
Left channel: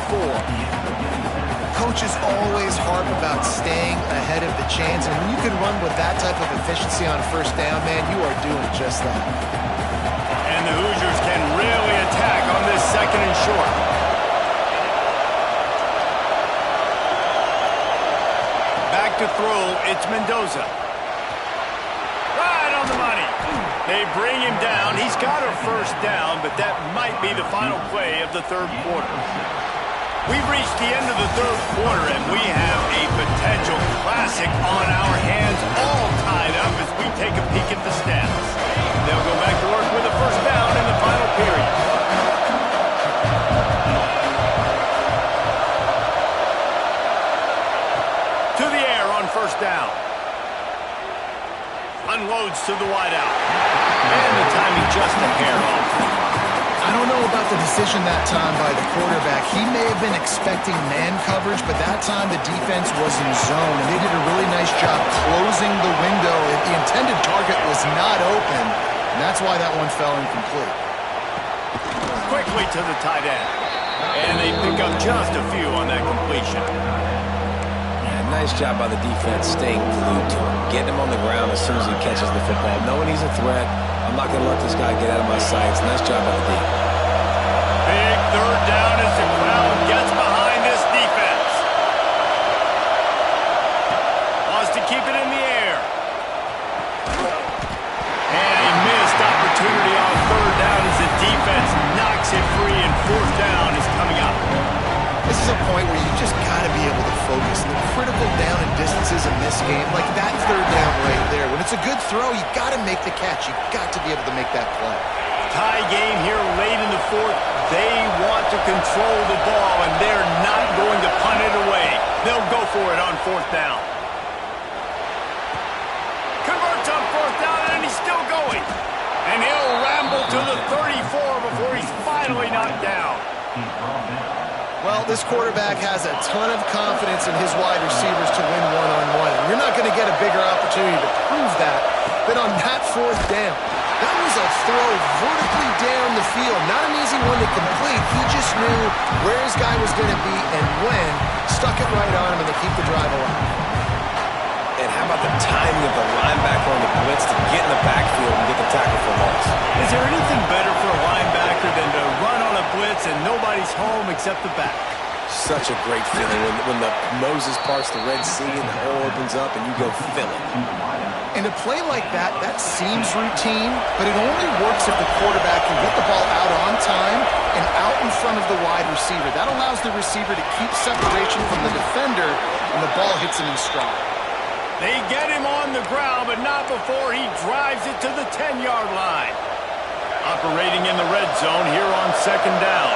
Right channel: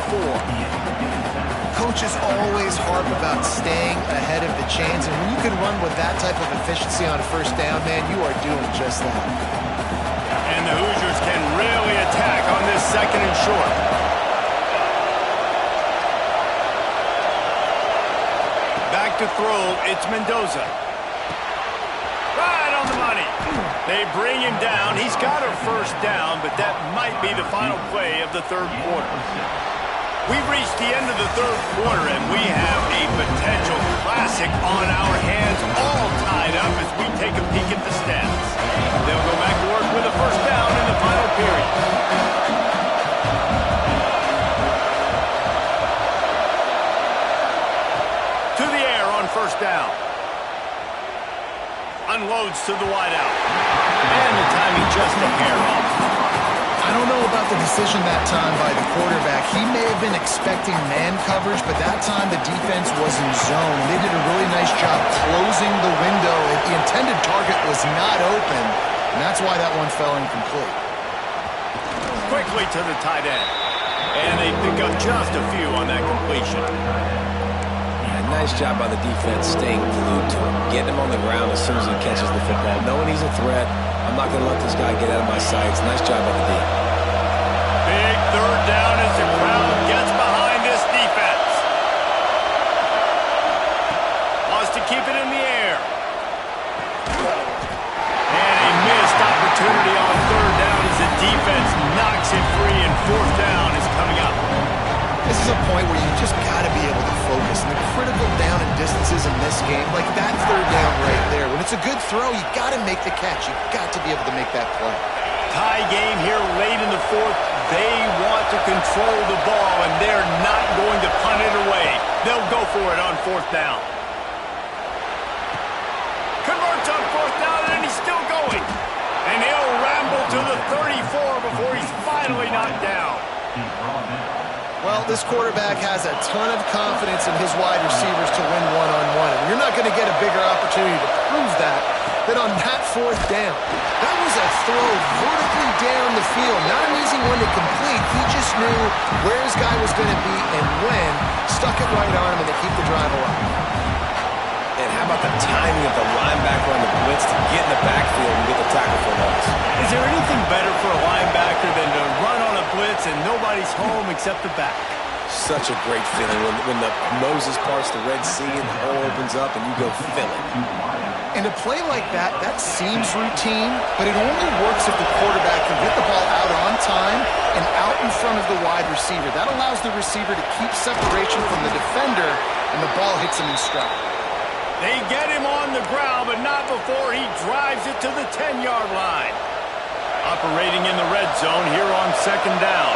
Coaches always harp about staying ahead of the chains, and when you can run with that type of efficiency on a first down, man, you are doing just that. And the Hoosiers can really attack on this second and short. Back to throw, it's Mendoza. Right on the money. They bring him down. He's got a first down, but that might be the final play of the third quarter. We've reached the end of the third quarter, and we have a potential classic on our hands, all tied up as we take a peek at the stats. They'll go back to work with a first down in the final period. To the air on first down. Unloads to the wideout. And the timing just a hair off. I don't know about the decision that time by the quarterback. He may have been expecting man coverage, but that time the defense was in zone, and they did a really nice job closing the window. The intended target was not open, and that's why that one fell incomplete. Quickly to the tight end. And they pick up just a few on that completion. Nice job by the defense staying glued to him, getting him on the ground as soon as he catches the football, knowing he's a threat. I'm not going to let this guy get out of my sights. Nice job by the D. Big third down as the crowd gets behind this defense. Wants to keep it in the air. And a missed opportunity on third down as the defense knocks it free, and fourth down is coming up. This is a point where you just got to be able to focus. And the critical down and distances in this game, like that third down right there, when it's a good throw, you got to make the catch. You got to be able to make that play. Tie game here late in the fourth. They want to control the ball, and they're not going to punt it away. They'll go for it on fourth down. Converts on fourth down, and he's still going. And he'll ramble to the 34 before he's finally knocked down. Well, this quarterback has a ton of confidence in his wide receivers to win one-on-one. And you're not going to get a bigger opportunity to prove that than on that fourth down. That was a throw vertically down the field. Not an easy one to complete. He just knew where his guy was going to be and when. Stuck it right on him, and they keep the drive alive. And how about the timing of the linebacker on the blitz to get in the backfield and get the tackle for loss? Is there anything better for a linebacker than to run on a blitz and nobody's home except the back? Such a great feeling when the Moses parts the Red Sea and the hole opens up and you go fill it. And a play like that, that seems routine, but it only works if the quarterback can get the ball out on time and out in front of the wide receiver. That allows the receiver to keep separation from the defender, and the ball hits him in stride. They get him on the ground, but not before he drives it to the 10-yard line. Operating in the red zone here on second down.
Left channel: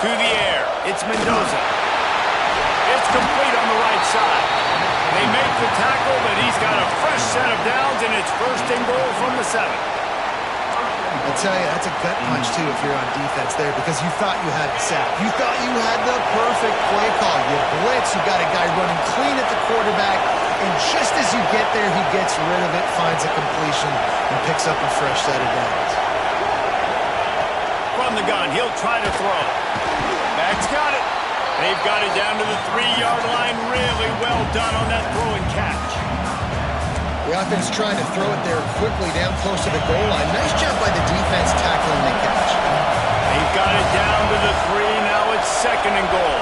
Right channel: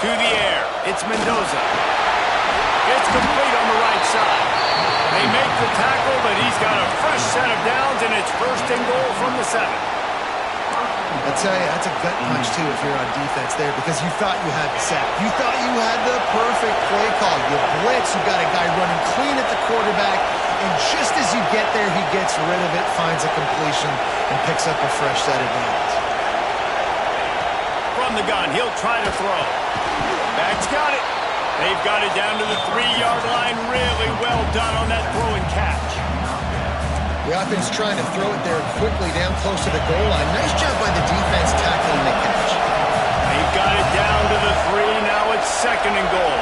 To the air, it's Mendoza. It's complete on the right side. They make the tackle, but he's got a fresh set of downs, and it's first and goal from the 7. I tell you, that's a gut punch, too, if you're on defense there, because you thought you had the sack. You thought you had the perfect play call. You blitz, you got a guy running clean at the quarterback, and just as you get there, he gets rid of it, finds a completion, and picks up a fresh set of downs. From the gun, he'll try to throw. Back's got it. They've got it down to the 3-yard line. Really well done on that throw and catch. The offense trying to throw it there quickly down close to the goal line. Nice job by the defense tackling the catch. They've got it down to the 3. Now it's second and goal.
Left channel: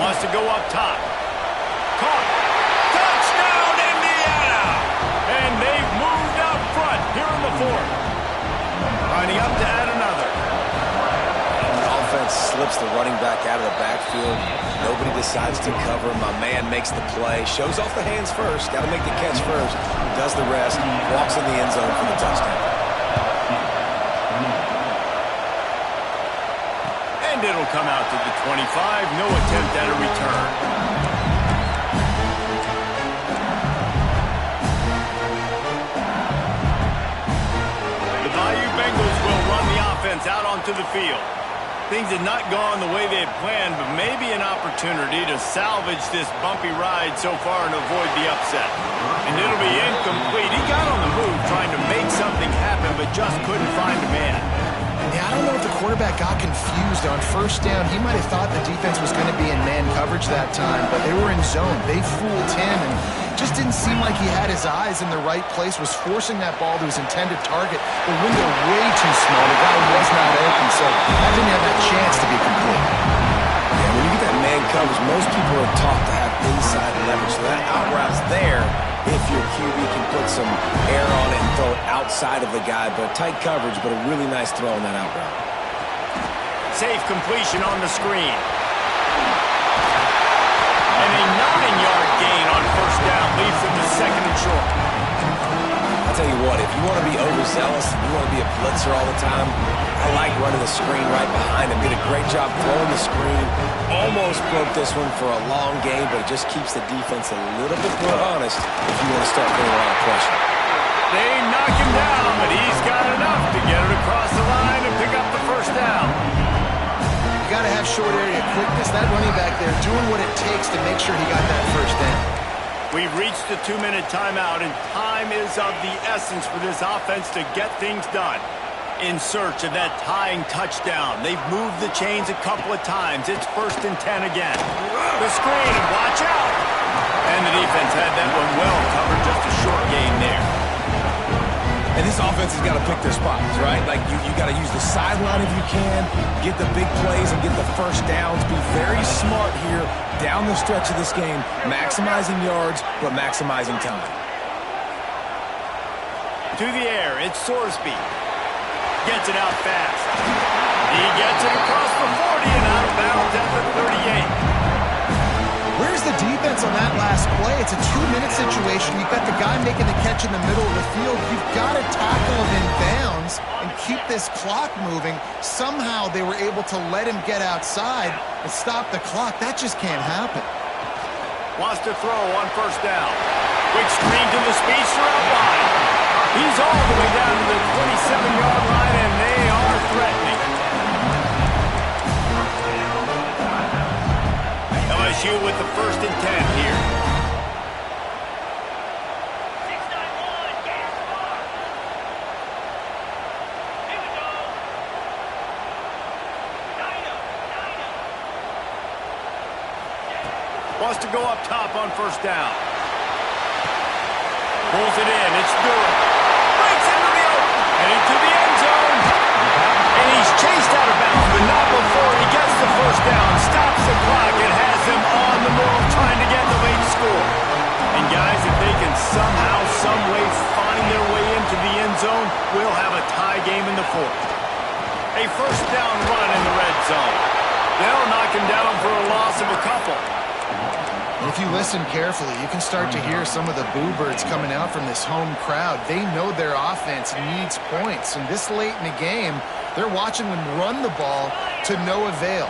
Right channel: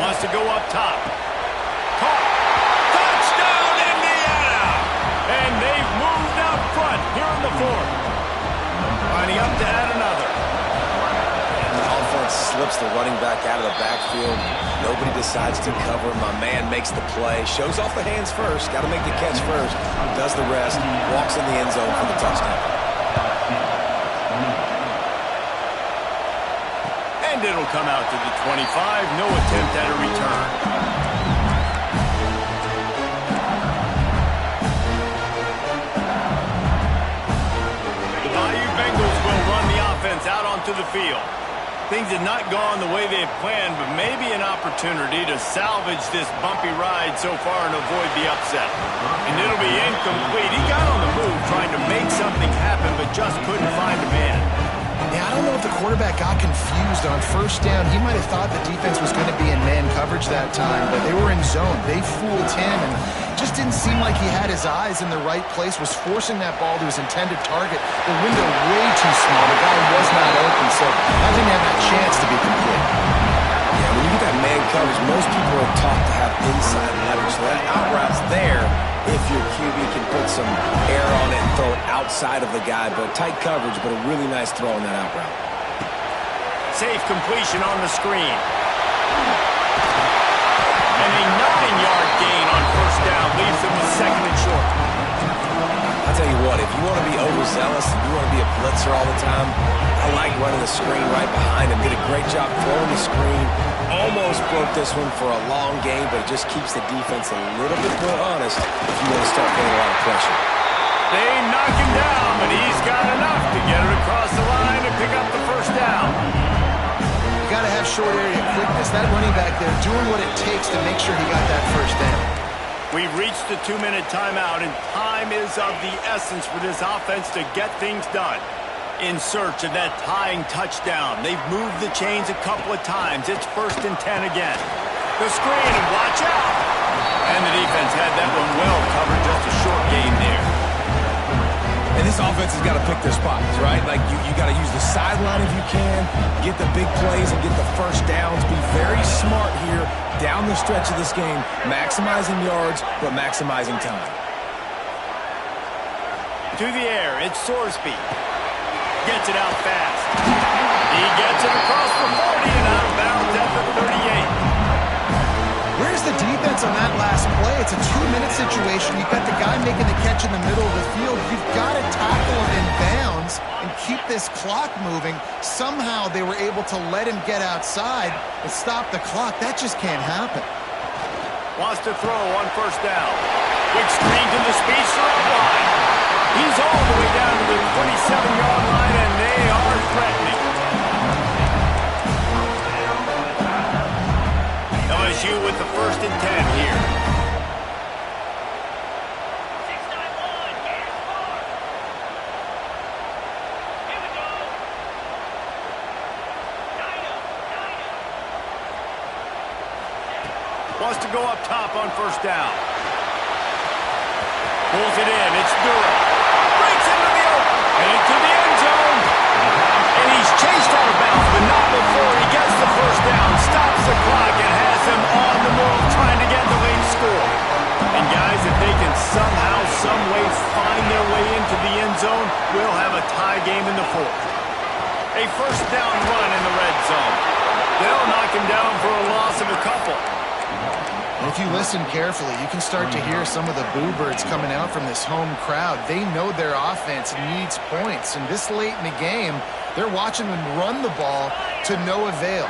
Wants to go up top. Caught. Touchdown, Indiana! And they've moved out front here in the fourth. Lining up to add another. And the offense slips the running back out of the backfield. Nobody decides to cover. My man makes the play. Shows off the hands first. Got to make the catch first. Does the rest. Walks in the end zone for the touchdown. And it'll come out to the 25. No attempt at a return. The Bayou Bengals will run the offense out onto the field. Things had not gone the way they had planned, but maybe an opportunity to salvage this bumpy ride so far and avoid the upset. And it'll be incomplete. He got on the move trying to make something happen, but just couldn't find a man. Yeah, I don't know if the quarterback got confused on first down. He might have thought the defense was going to be in man coverage that time, but they were in zone. They fooled him, and just didn't seem like he had his eyes in the right place, was forcing that ball to his intended target. The window way too small. The guy was not open, so that didn't have that chance to be complete. Yeah, when you get that man man coverage, most people are taught to have inside leverage. So that out route's there if your QB can put some air on it and throw it outside of the guy. But tight coverage, but a really nice throw on that out route. Safe completion on the screen. And a 9-yard gain on first down leaves them with second and short. I'll tell you what, if you want to be overzealous and you want to be a blitzer all the time, I like running the screen right behind him. Did a great job throwing the screen. Almost broke this one for a long game, but it just keeps the defense a little bit more honest if you want to start getting a lot of pressure. They knock him down, but he's got enough to get it across the line and pick up the first down. You got to have short area quickness. That running back there doing what it takes to make sure he got that first down. We've reached the 2-minute timeout, and time is of the essence for this offense to get things done. In search of that tying touchdown. They've moved the chains a couple of times. It's 1st and 10 again. The screen, and watch out. And the defense had that one well covered, just a short gain there. And this offense has got to pick their spots, right? Like, you got to use the sideline if you can, get the big plays and get the first downs. Be very smart here down the stretch of this game, maximizing yards, but maximizing time. To the air, it's Sorsby. Gets it out fast. He gets it across the 40 and out of bounds at the 38. Where's the defense on that last play? It's a 2-minute situation. You've got the guy making the catch in the middle of the field. You've got to tackle him in bounds and keep this clock moving. Somehow they were able to let him get outside and stop the clock. That just can't happen. Wants to throw on first down. Quick screen to the speedster out wide. He's all the way down to the 27-yard line, and they are threatening. LSU with the 1st and 10 here. 691, gas bar. Here we go. Dino. Wants to go up top on first down. Pulls it in. It's Durham. Breaks into the open. And into the end zone. And he's chased out of bounds, but not before he gets the first down. Stops the clock and has them on the move trying to get the late score. And guys, if they can somehow, some way find their way into the end zone, we'll have a tie game in the 4th. A first down run in the red zone. They'll knock him down for a loss of a couple. If you listen carefully, you can start to hear some of the boo birds coming out from this home crowd. They know their offense needs points, and this late in the game, they're watching them run the ball to no avail.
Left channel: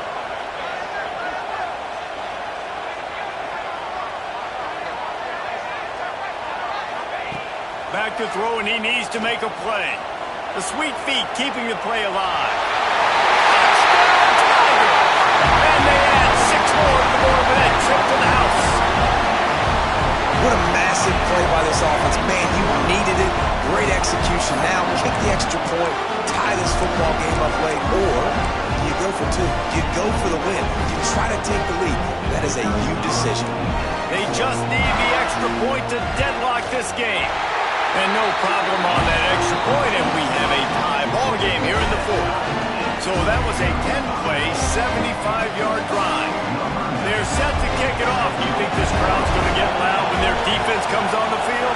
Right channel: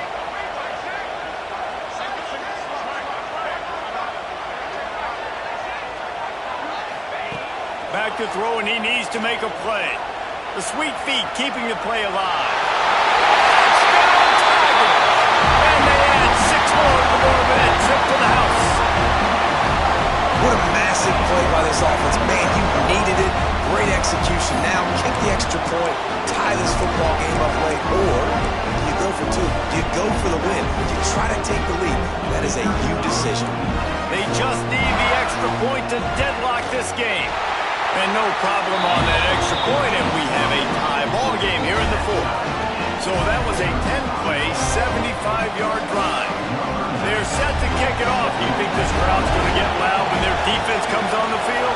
Back to throw, and he needs to make a play. The sweet feet keeping the play alive. Touchdown, Tigers! And they add 6 more to the board with that trip to the house. What a massive play by this offense. Man, you needed it. Great execution. Now kick the extra point, tie this football game up late, or do you go for 2? Do you go for the win? Do you try to take the lead? That is a you decision. They just need the extra point to deadlock this game. And no problem on that extra point, and we have a tie ball game here in the 4th. So that was a 10-play, 75-yard drive. They're set to kick it off. Do you think this crowd's going to get loud when their defense comes on the field?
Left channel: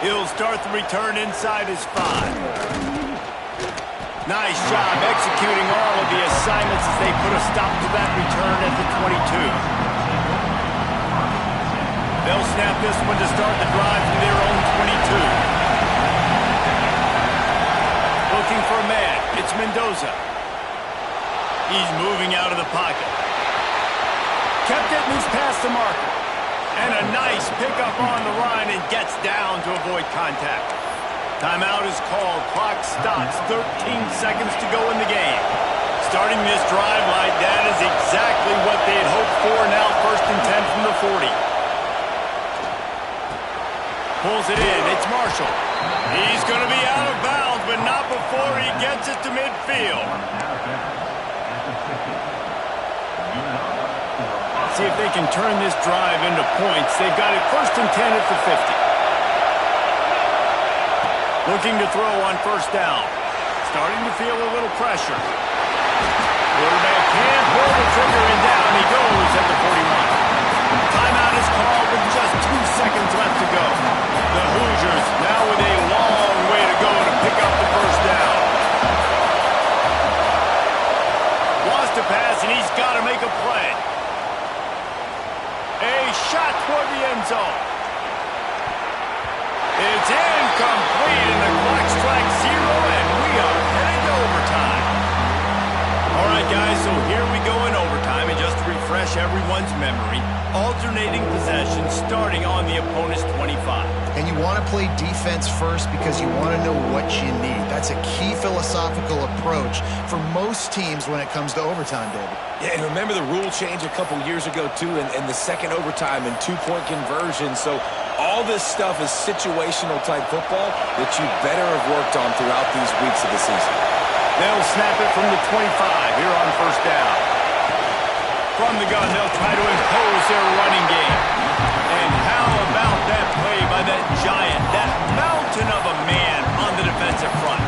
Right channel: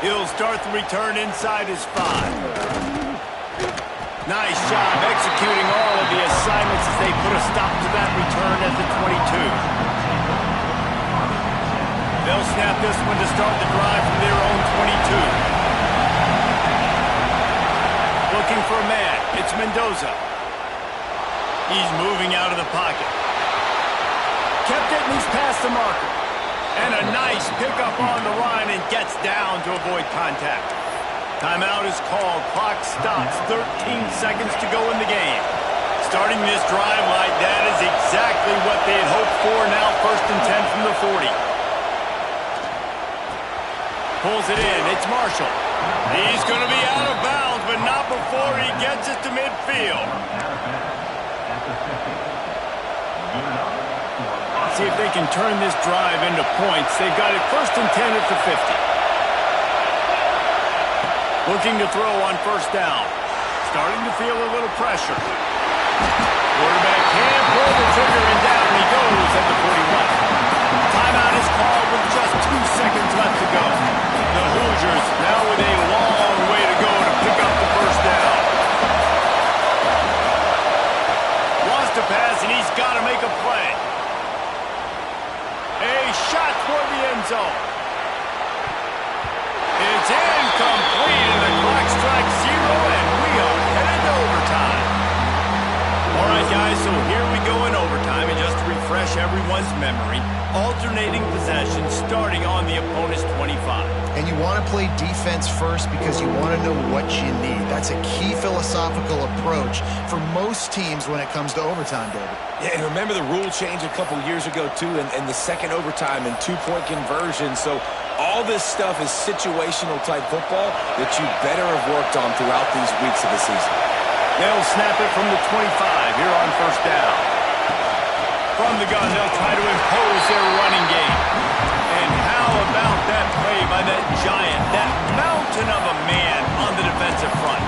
He'll start the return inside his 5. Nice job executing all of the assignments as they put a stop to that return at the 22. They'll snap this one to start the drive from their own 22. Looking for a man. It's Mendoza. He's moving out of the pocket. Kept it and he's past the marker. And a nice pickup on the line and gets down to avoid contact. Timeout is called. Clock stops. 13 seconds to go in the game. Starting this drive like that is exactly what they had hoped for. Now 1st and 10 from the 40. Pulls it in. It's Marshall. He's going to be out of bounds, but not before he gets it to midfield. See if they can turn this drive into points. They've got it 1st and 10 at the 50. Looking to throw on first down. starting to feel a little pressure. Quarterback can't pull the trigger, and down he goes at the 41. Timeout is called with just 2 seconds left to go. The Hoosiers now with a long way to go to pick up the first down. Wants to pass, and he's got to make a play. A shot toward the end zone. It's incomplete, and the clock strikes 0, and we are headed to overtime. All right, guys, so here we go in overtime, and just to refresh everyone's memory, alternating possession starting on the opponent's 25. And you want to play defense first because you want to know what you need. That's a key philosophical approach for most teams when it comes to overtime, David. Yeah, and remember the rule change a couple years ago, too, and the second overtime and two-point conversion. So all this stuff is situational-type football that you better have worked on throughout these weeks of the season. They'll snap it from the 25 here on first down. From the gun, they'll try to impose their running game. And how about that play by that giant, that mountain of a man on the defensive front?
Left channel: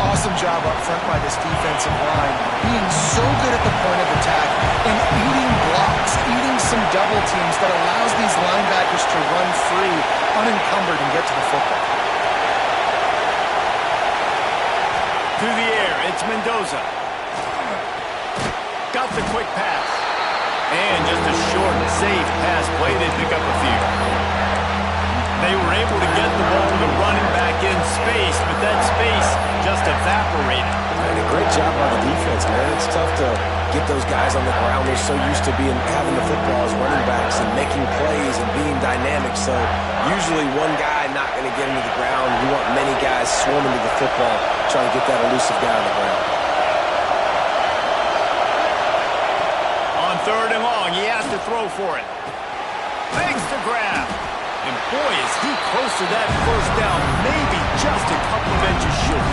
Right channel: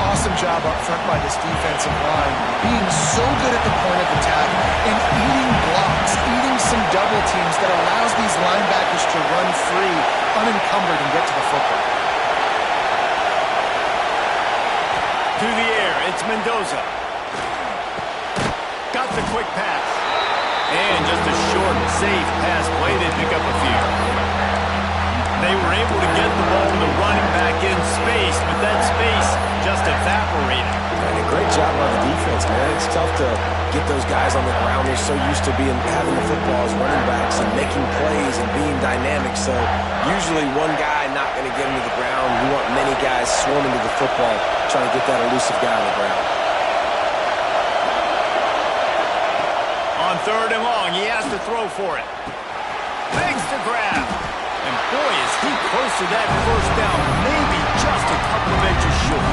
Awesome job up front by this defensive line, being so good at the point of attack and eating blocks, eating some double teams that allows these linebackers to run free, unencumbered, and get to the football. To the air, it's Mendoza. Got the quick pass. And just a short, safe pass play. They pick up a few. They were able to get the ball to the running back in space, but that space just evaporated. And a great job by the defense, man. It's tough to get those guys on the ground. They're so used to having the football as running backs and making plays and being dynamic. So usually one guy not going to get into the ground. You want many guys swarming to the football, trying to get that elusive guy on the ground. On third and long, he has to throw for it. Makes the grab. And boy, is he close to that first down, maybe just a couple of inches short.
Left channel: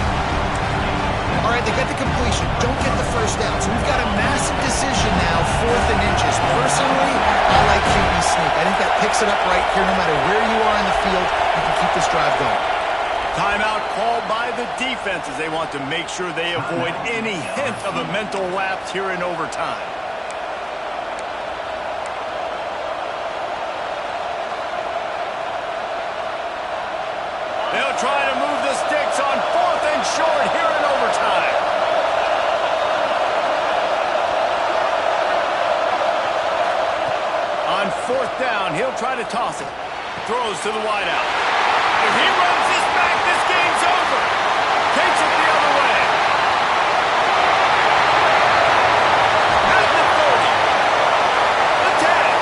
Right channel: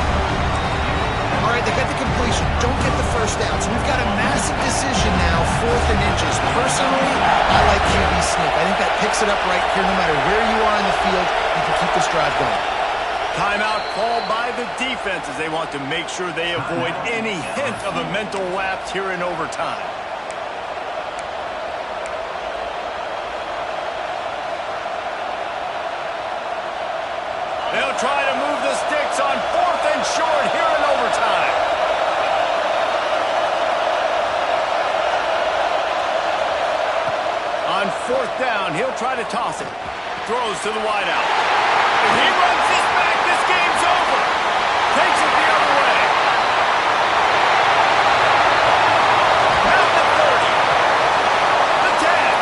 All right, they get the completion. Don't get the first down. So we've got a massive decision now, 4th and inches. Personally, I like QB sneak. I think that picks it up right here. No matter where you are in the field, you can keep this drive going. Timeout called by the defense as they want to make sure they avoid any hint of a mental lapse here in overtime. They'll try to move the sticks on 4th and short here in overtime. On 4th down, he'll try to toss it. Throws to the wideout. If he runs this back, this game's over. Takes it the other way. At the 30. The 10.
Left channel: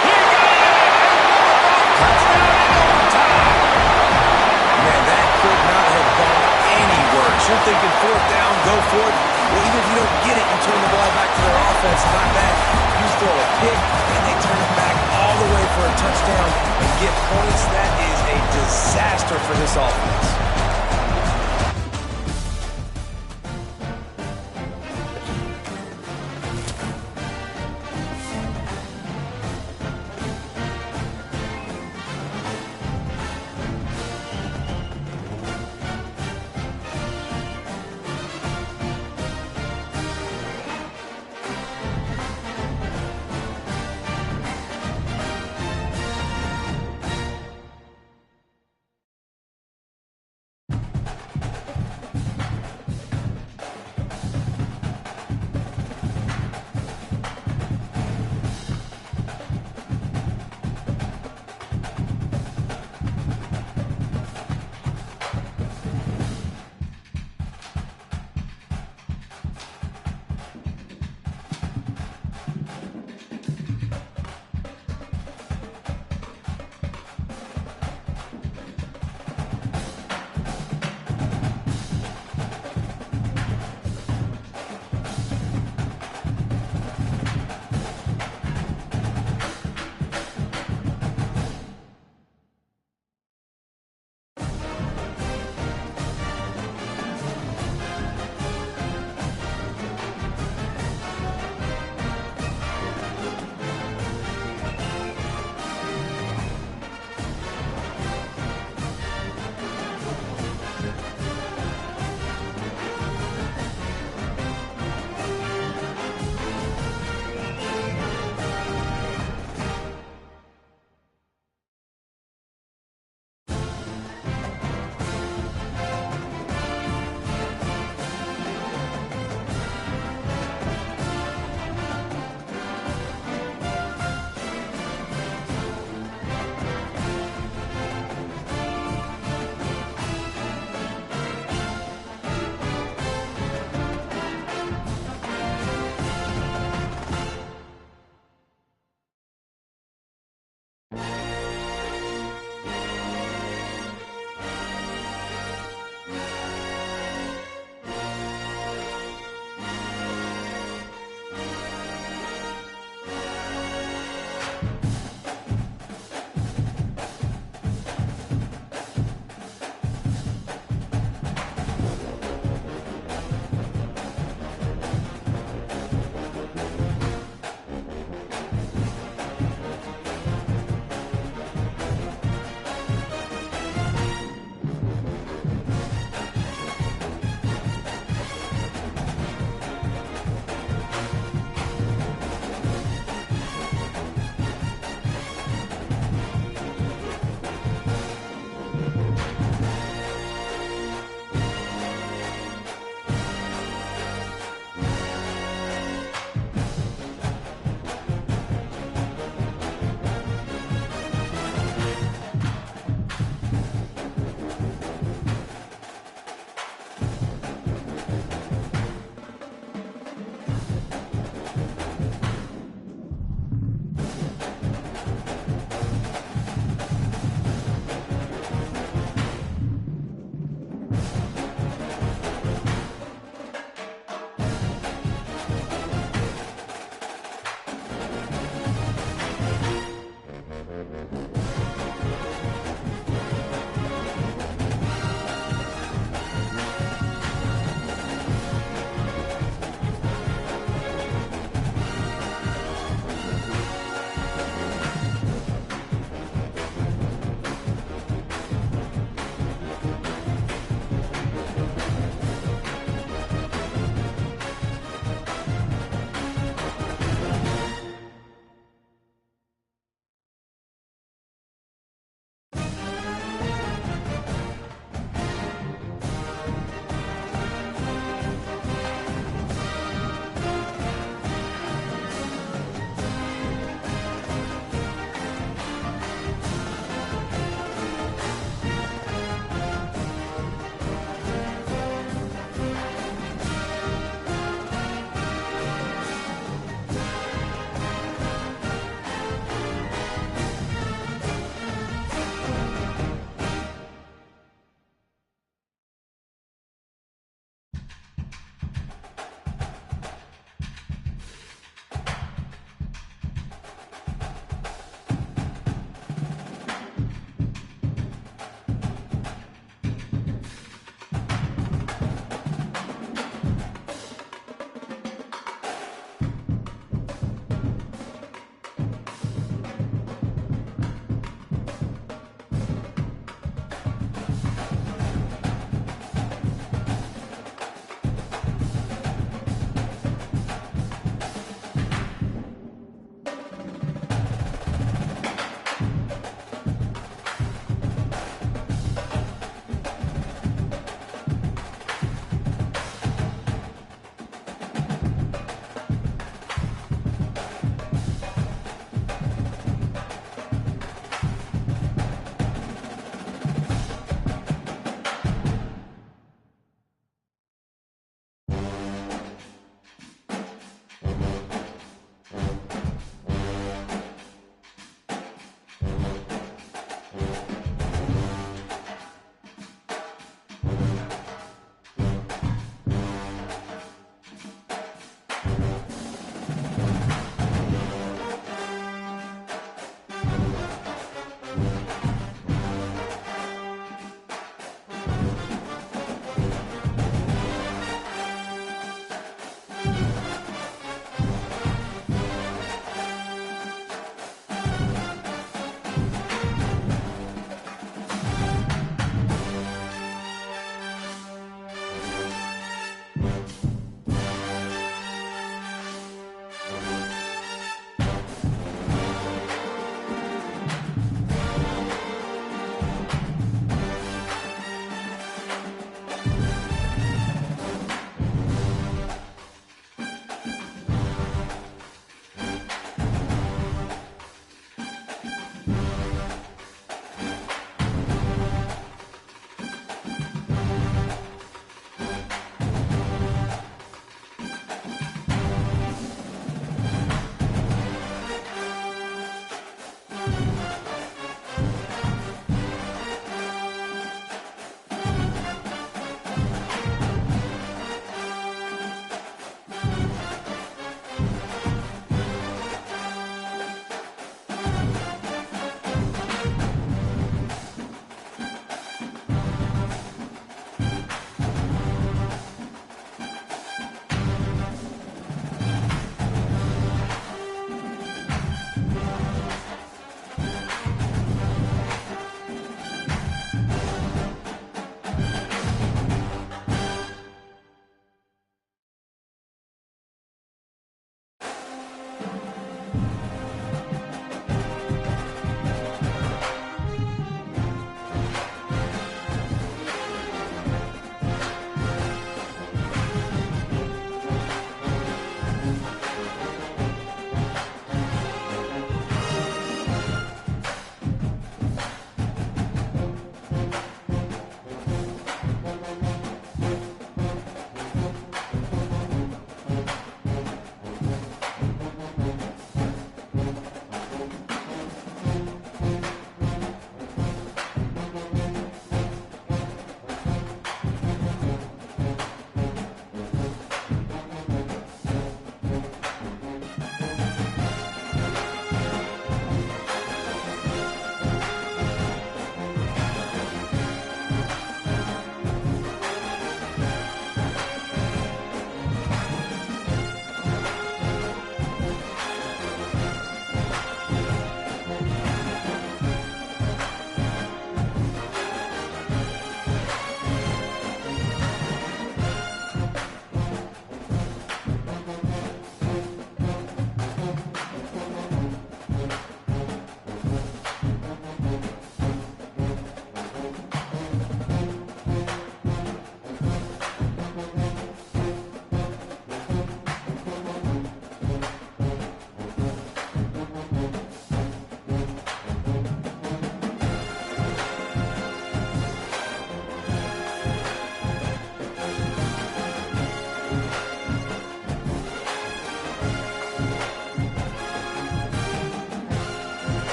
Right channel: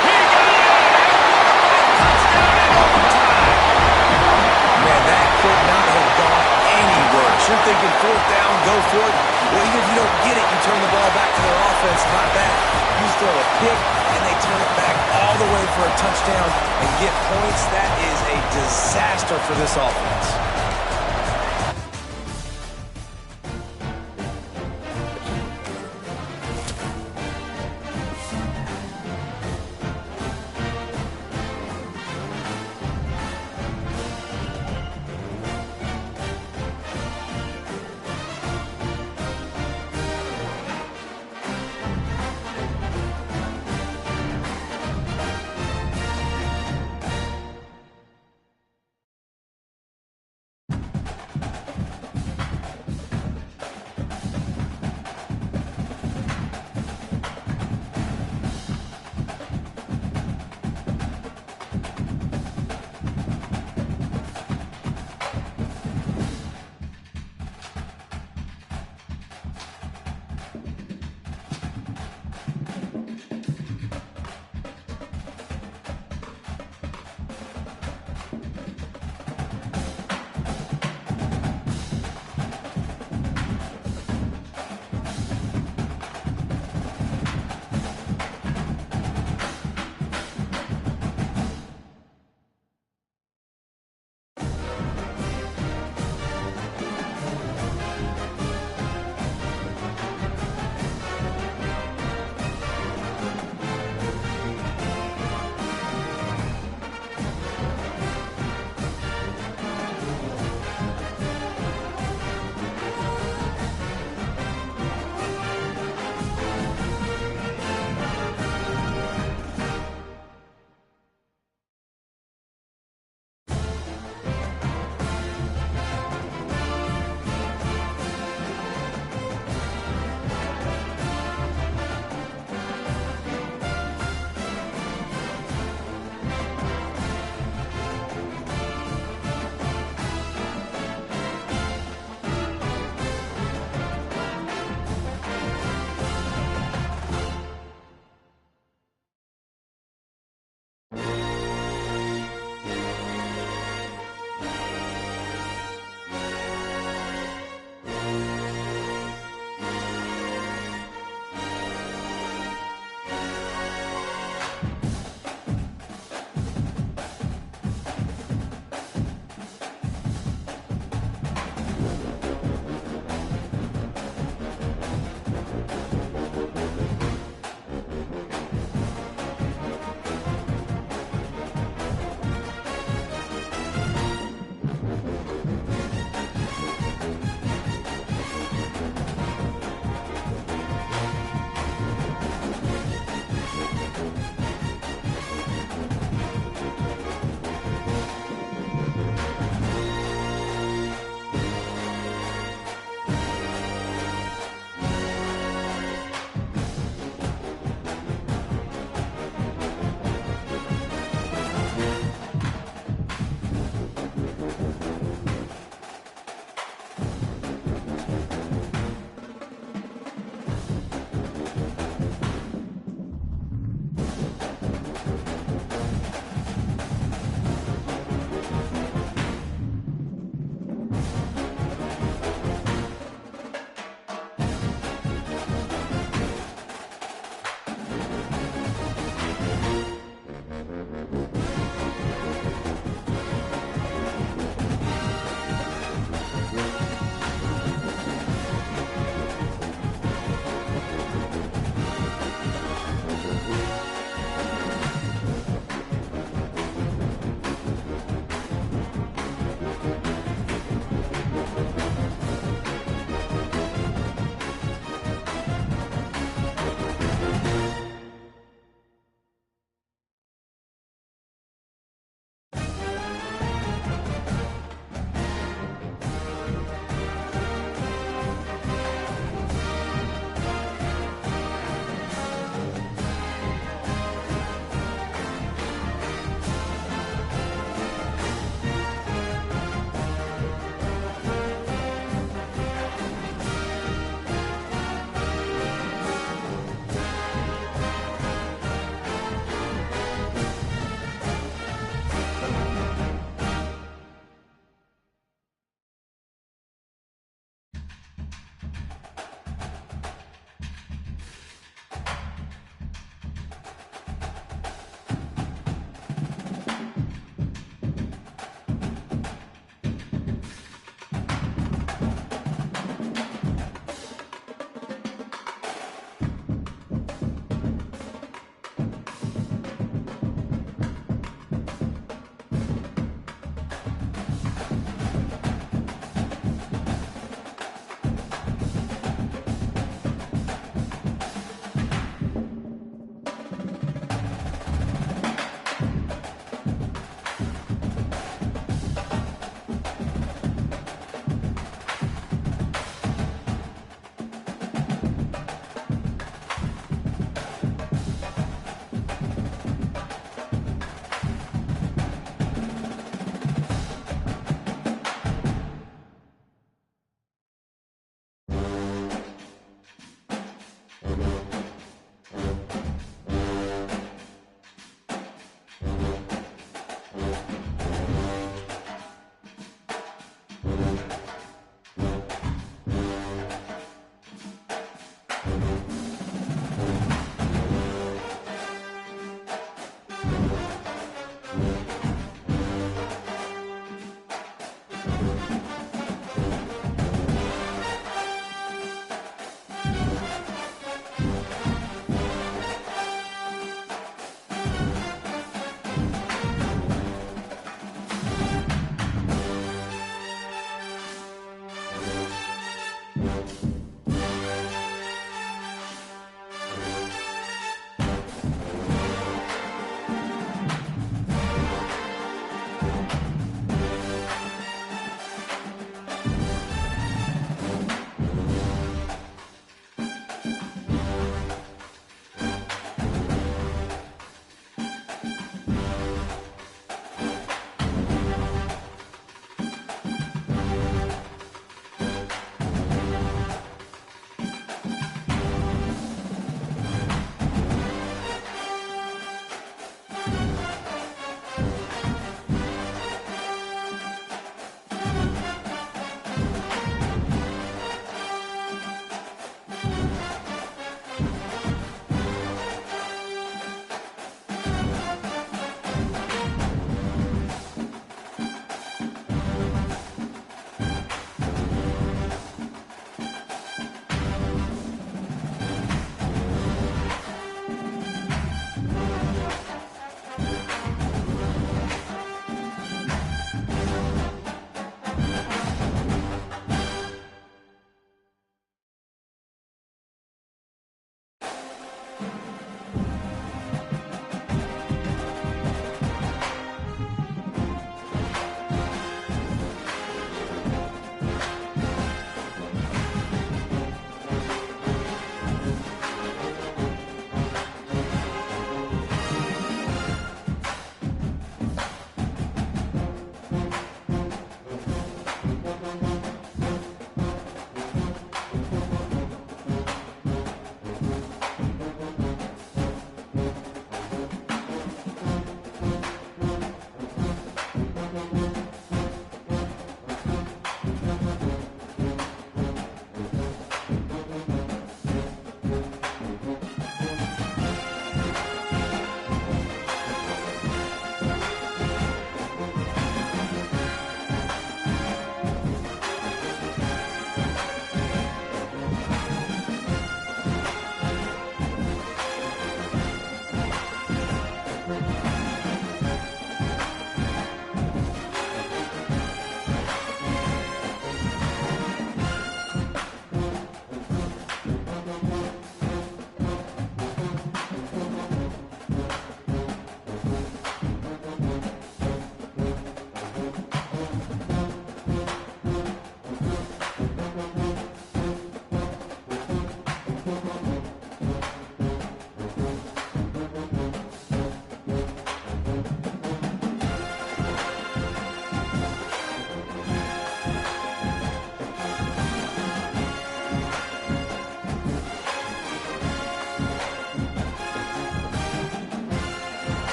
He got it in, and what about touchdown in overtime? Man, that could not have gone any worse. You're thinking 4th down, go for it. Well, even if you don't get it, you turn the ball back to their offense. Not that. You throw a pick, and they turn it back all the way for a touchdown and get points. That is a disaster for this offense.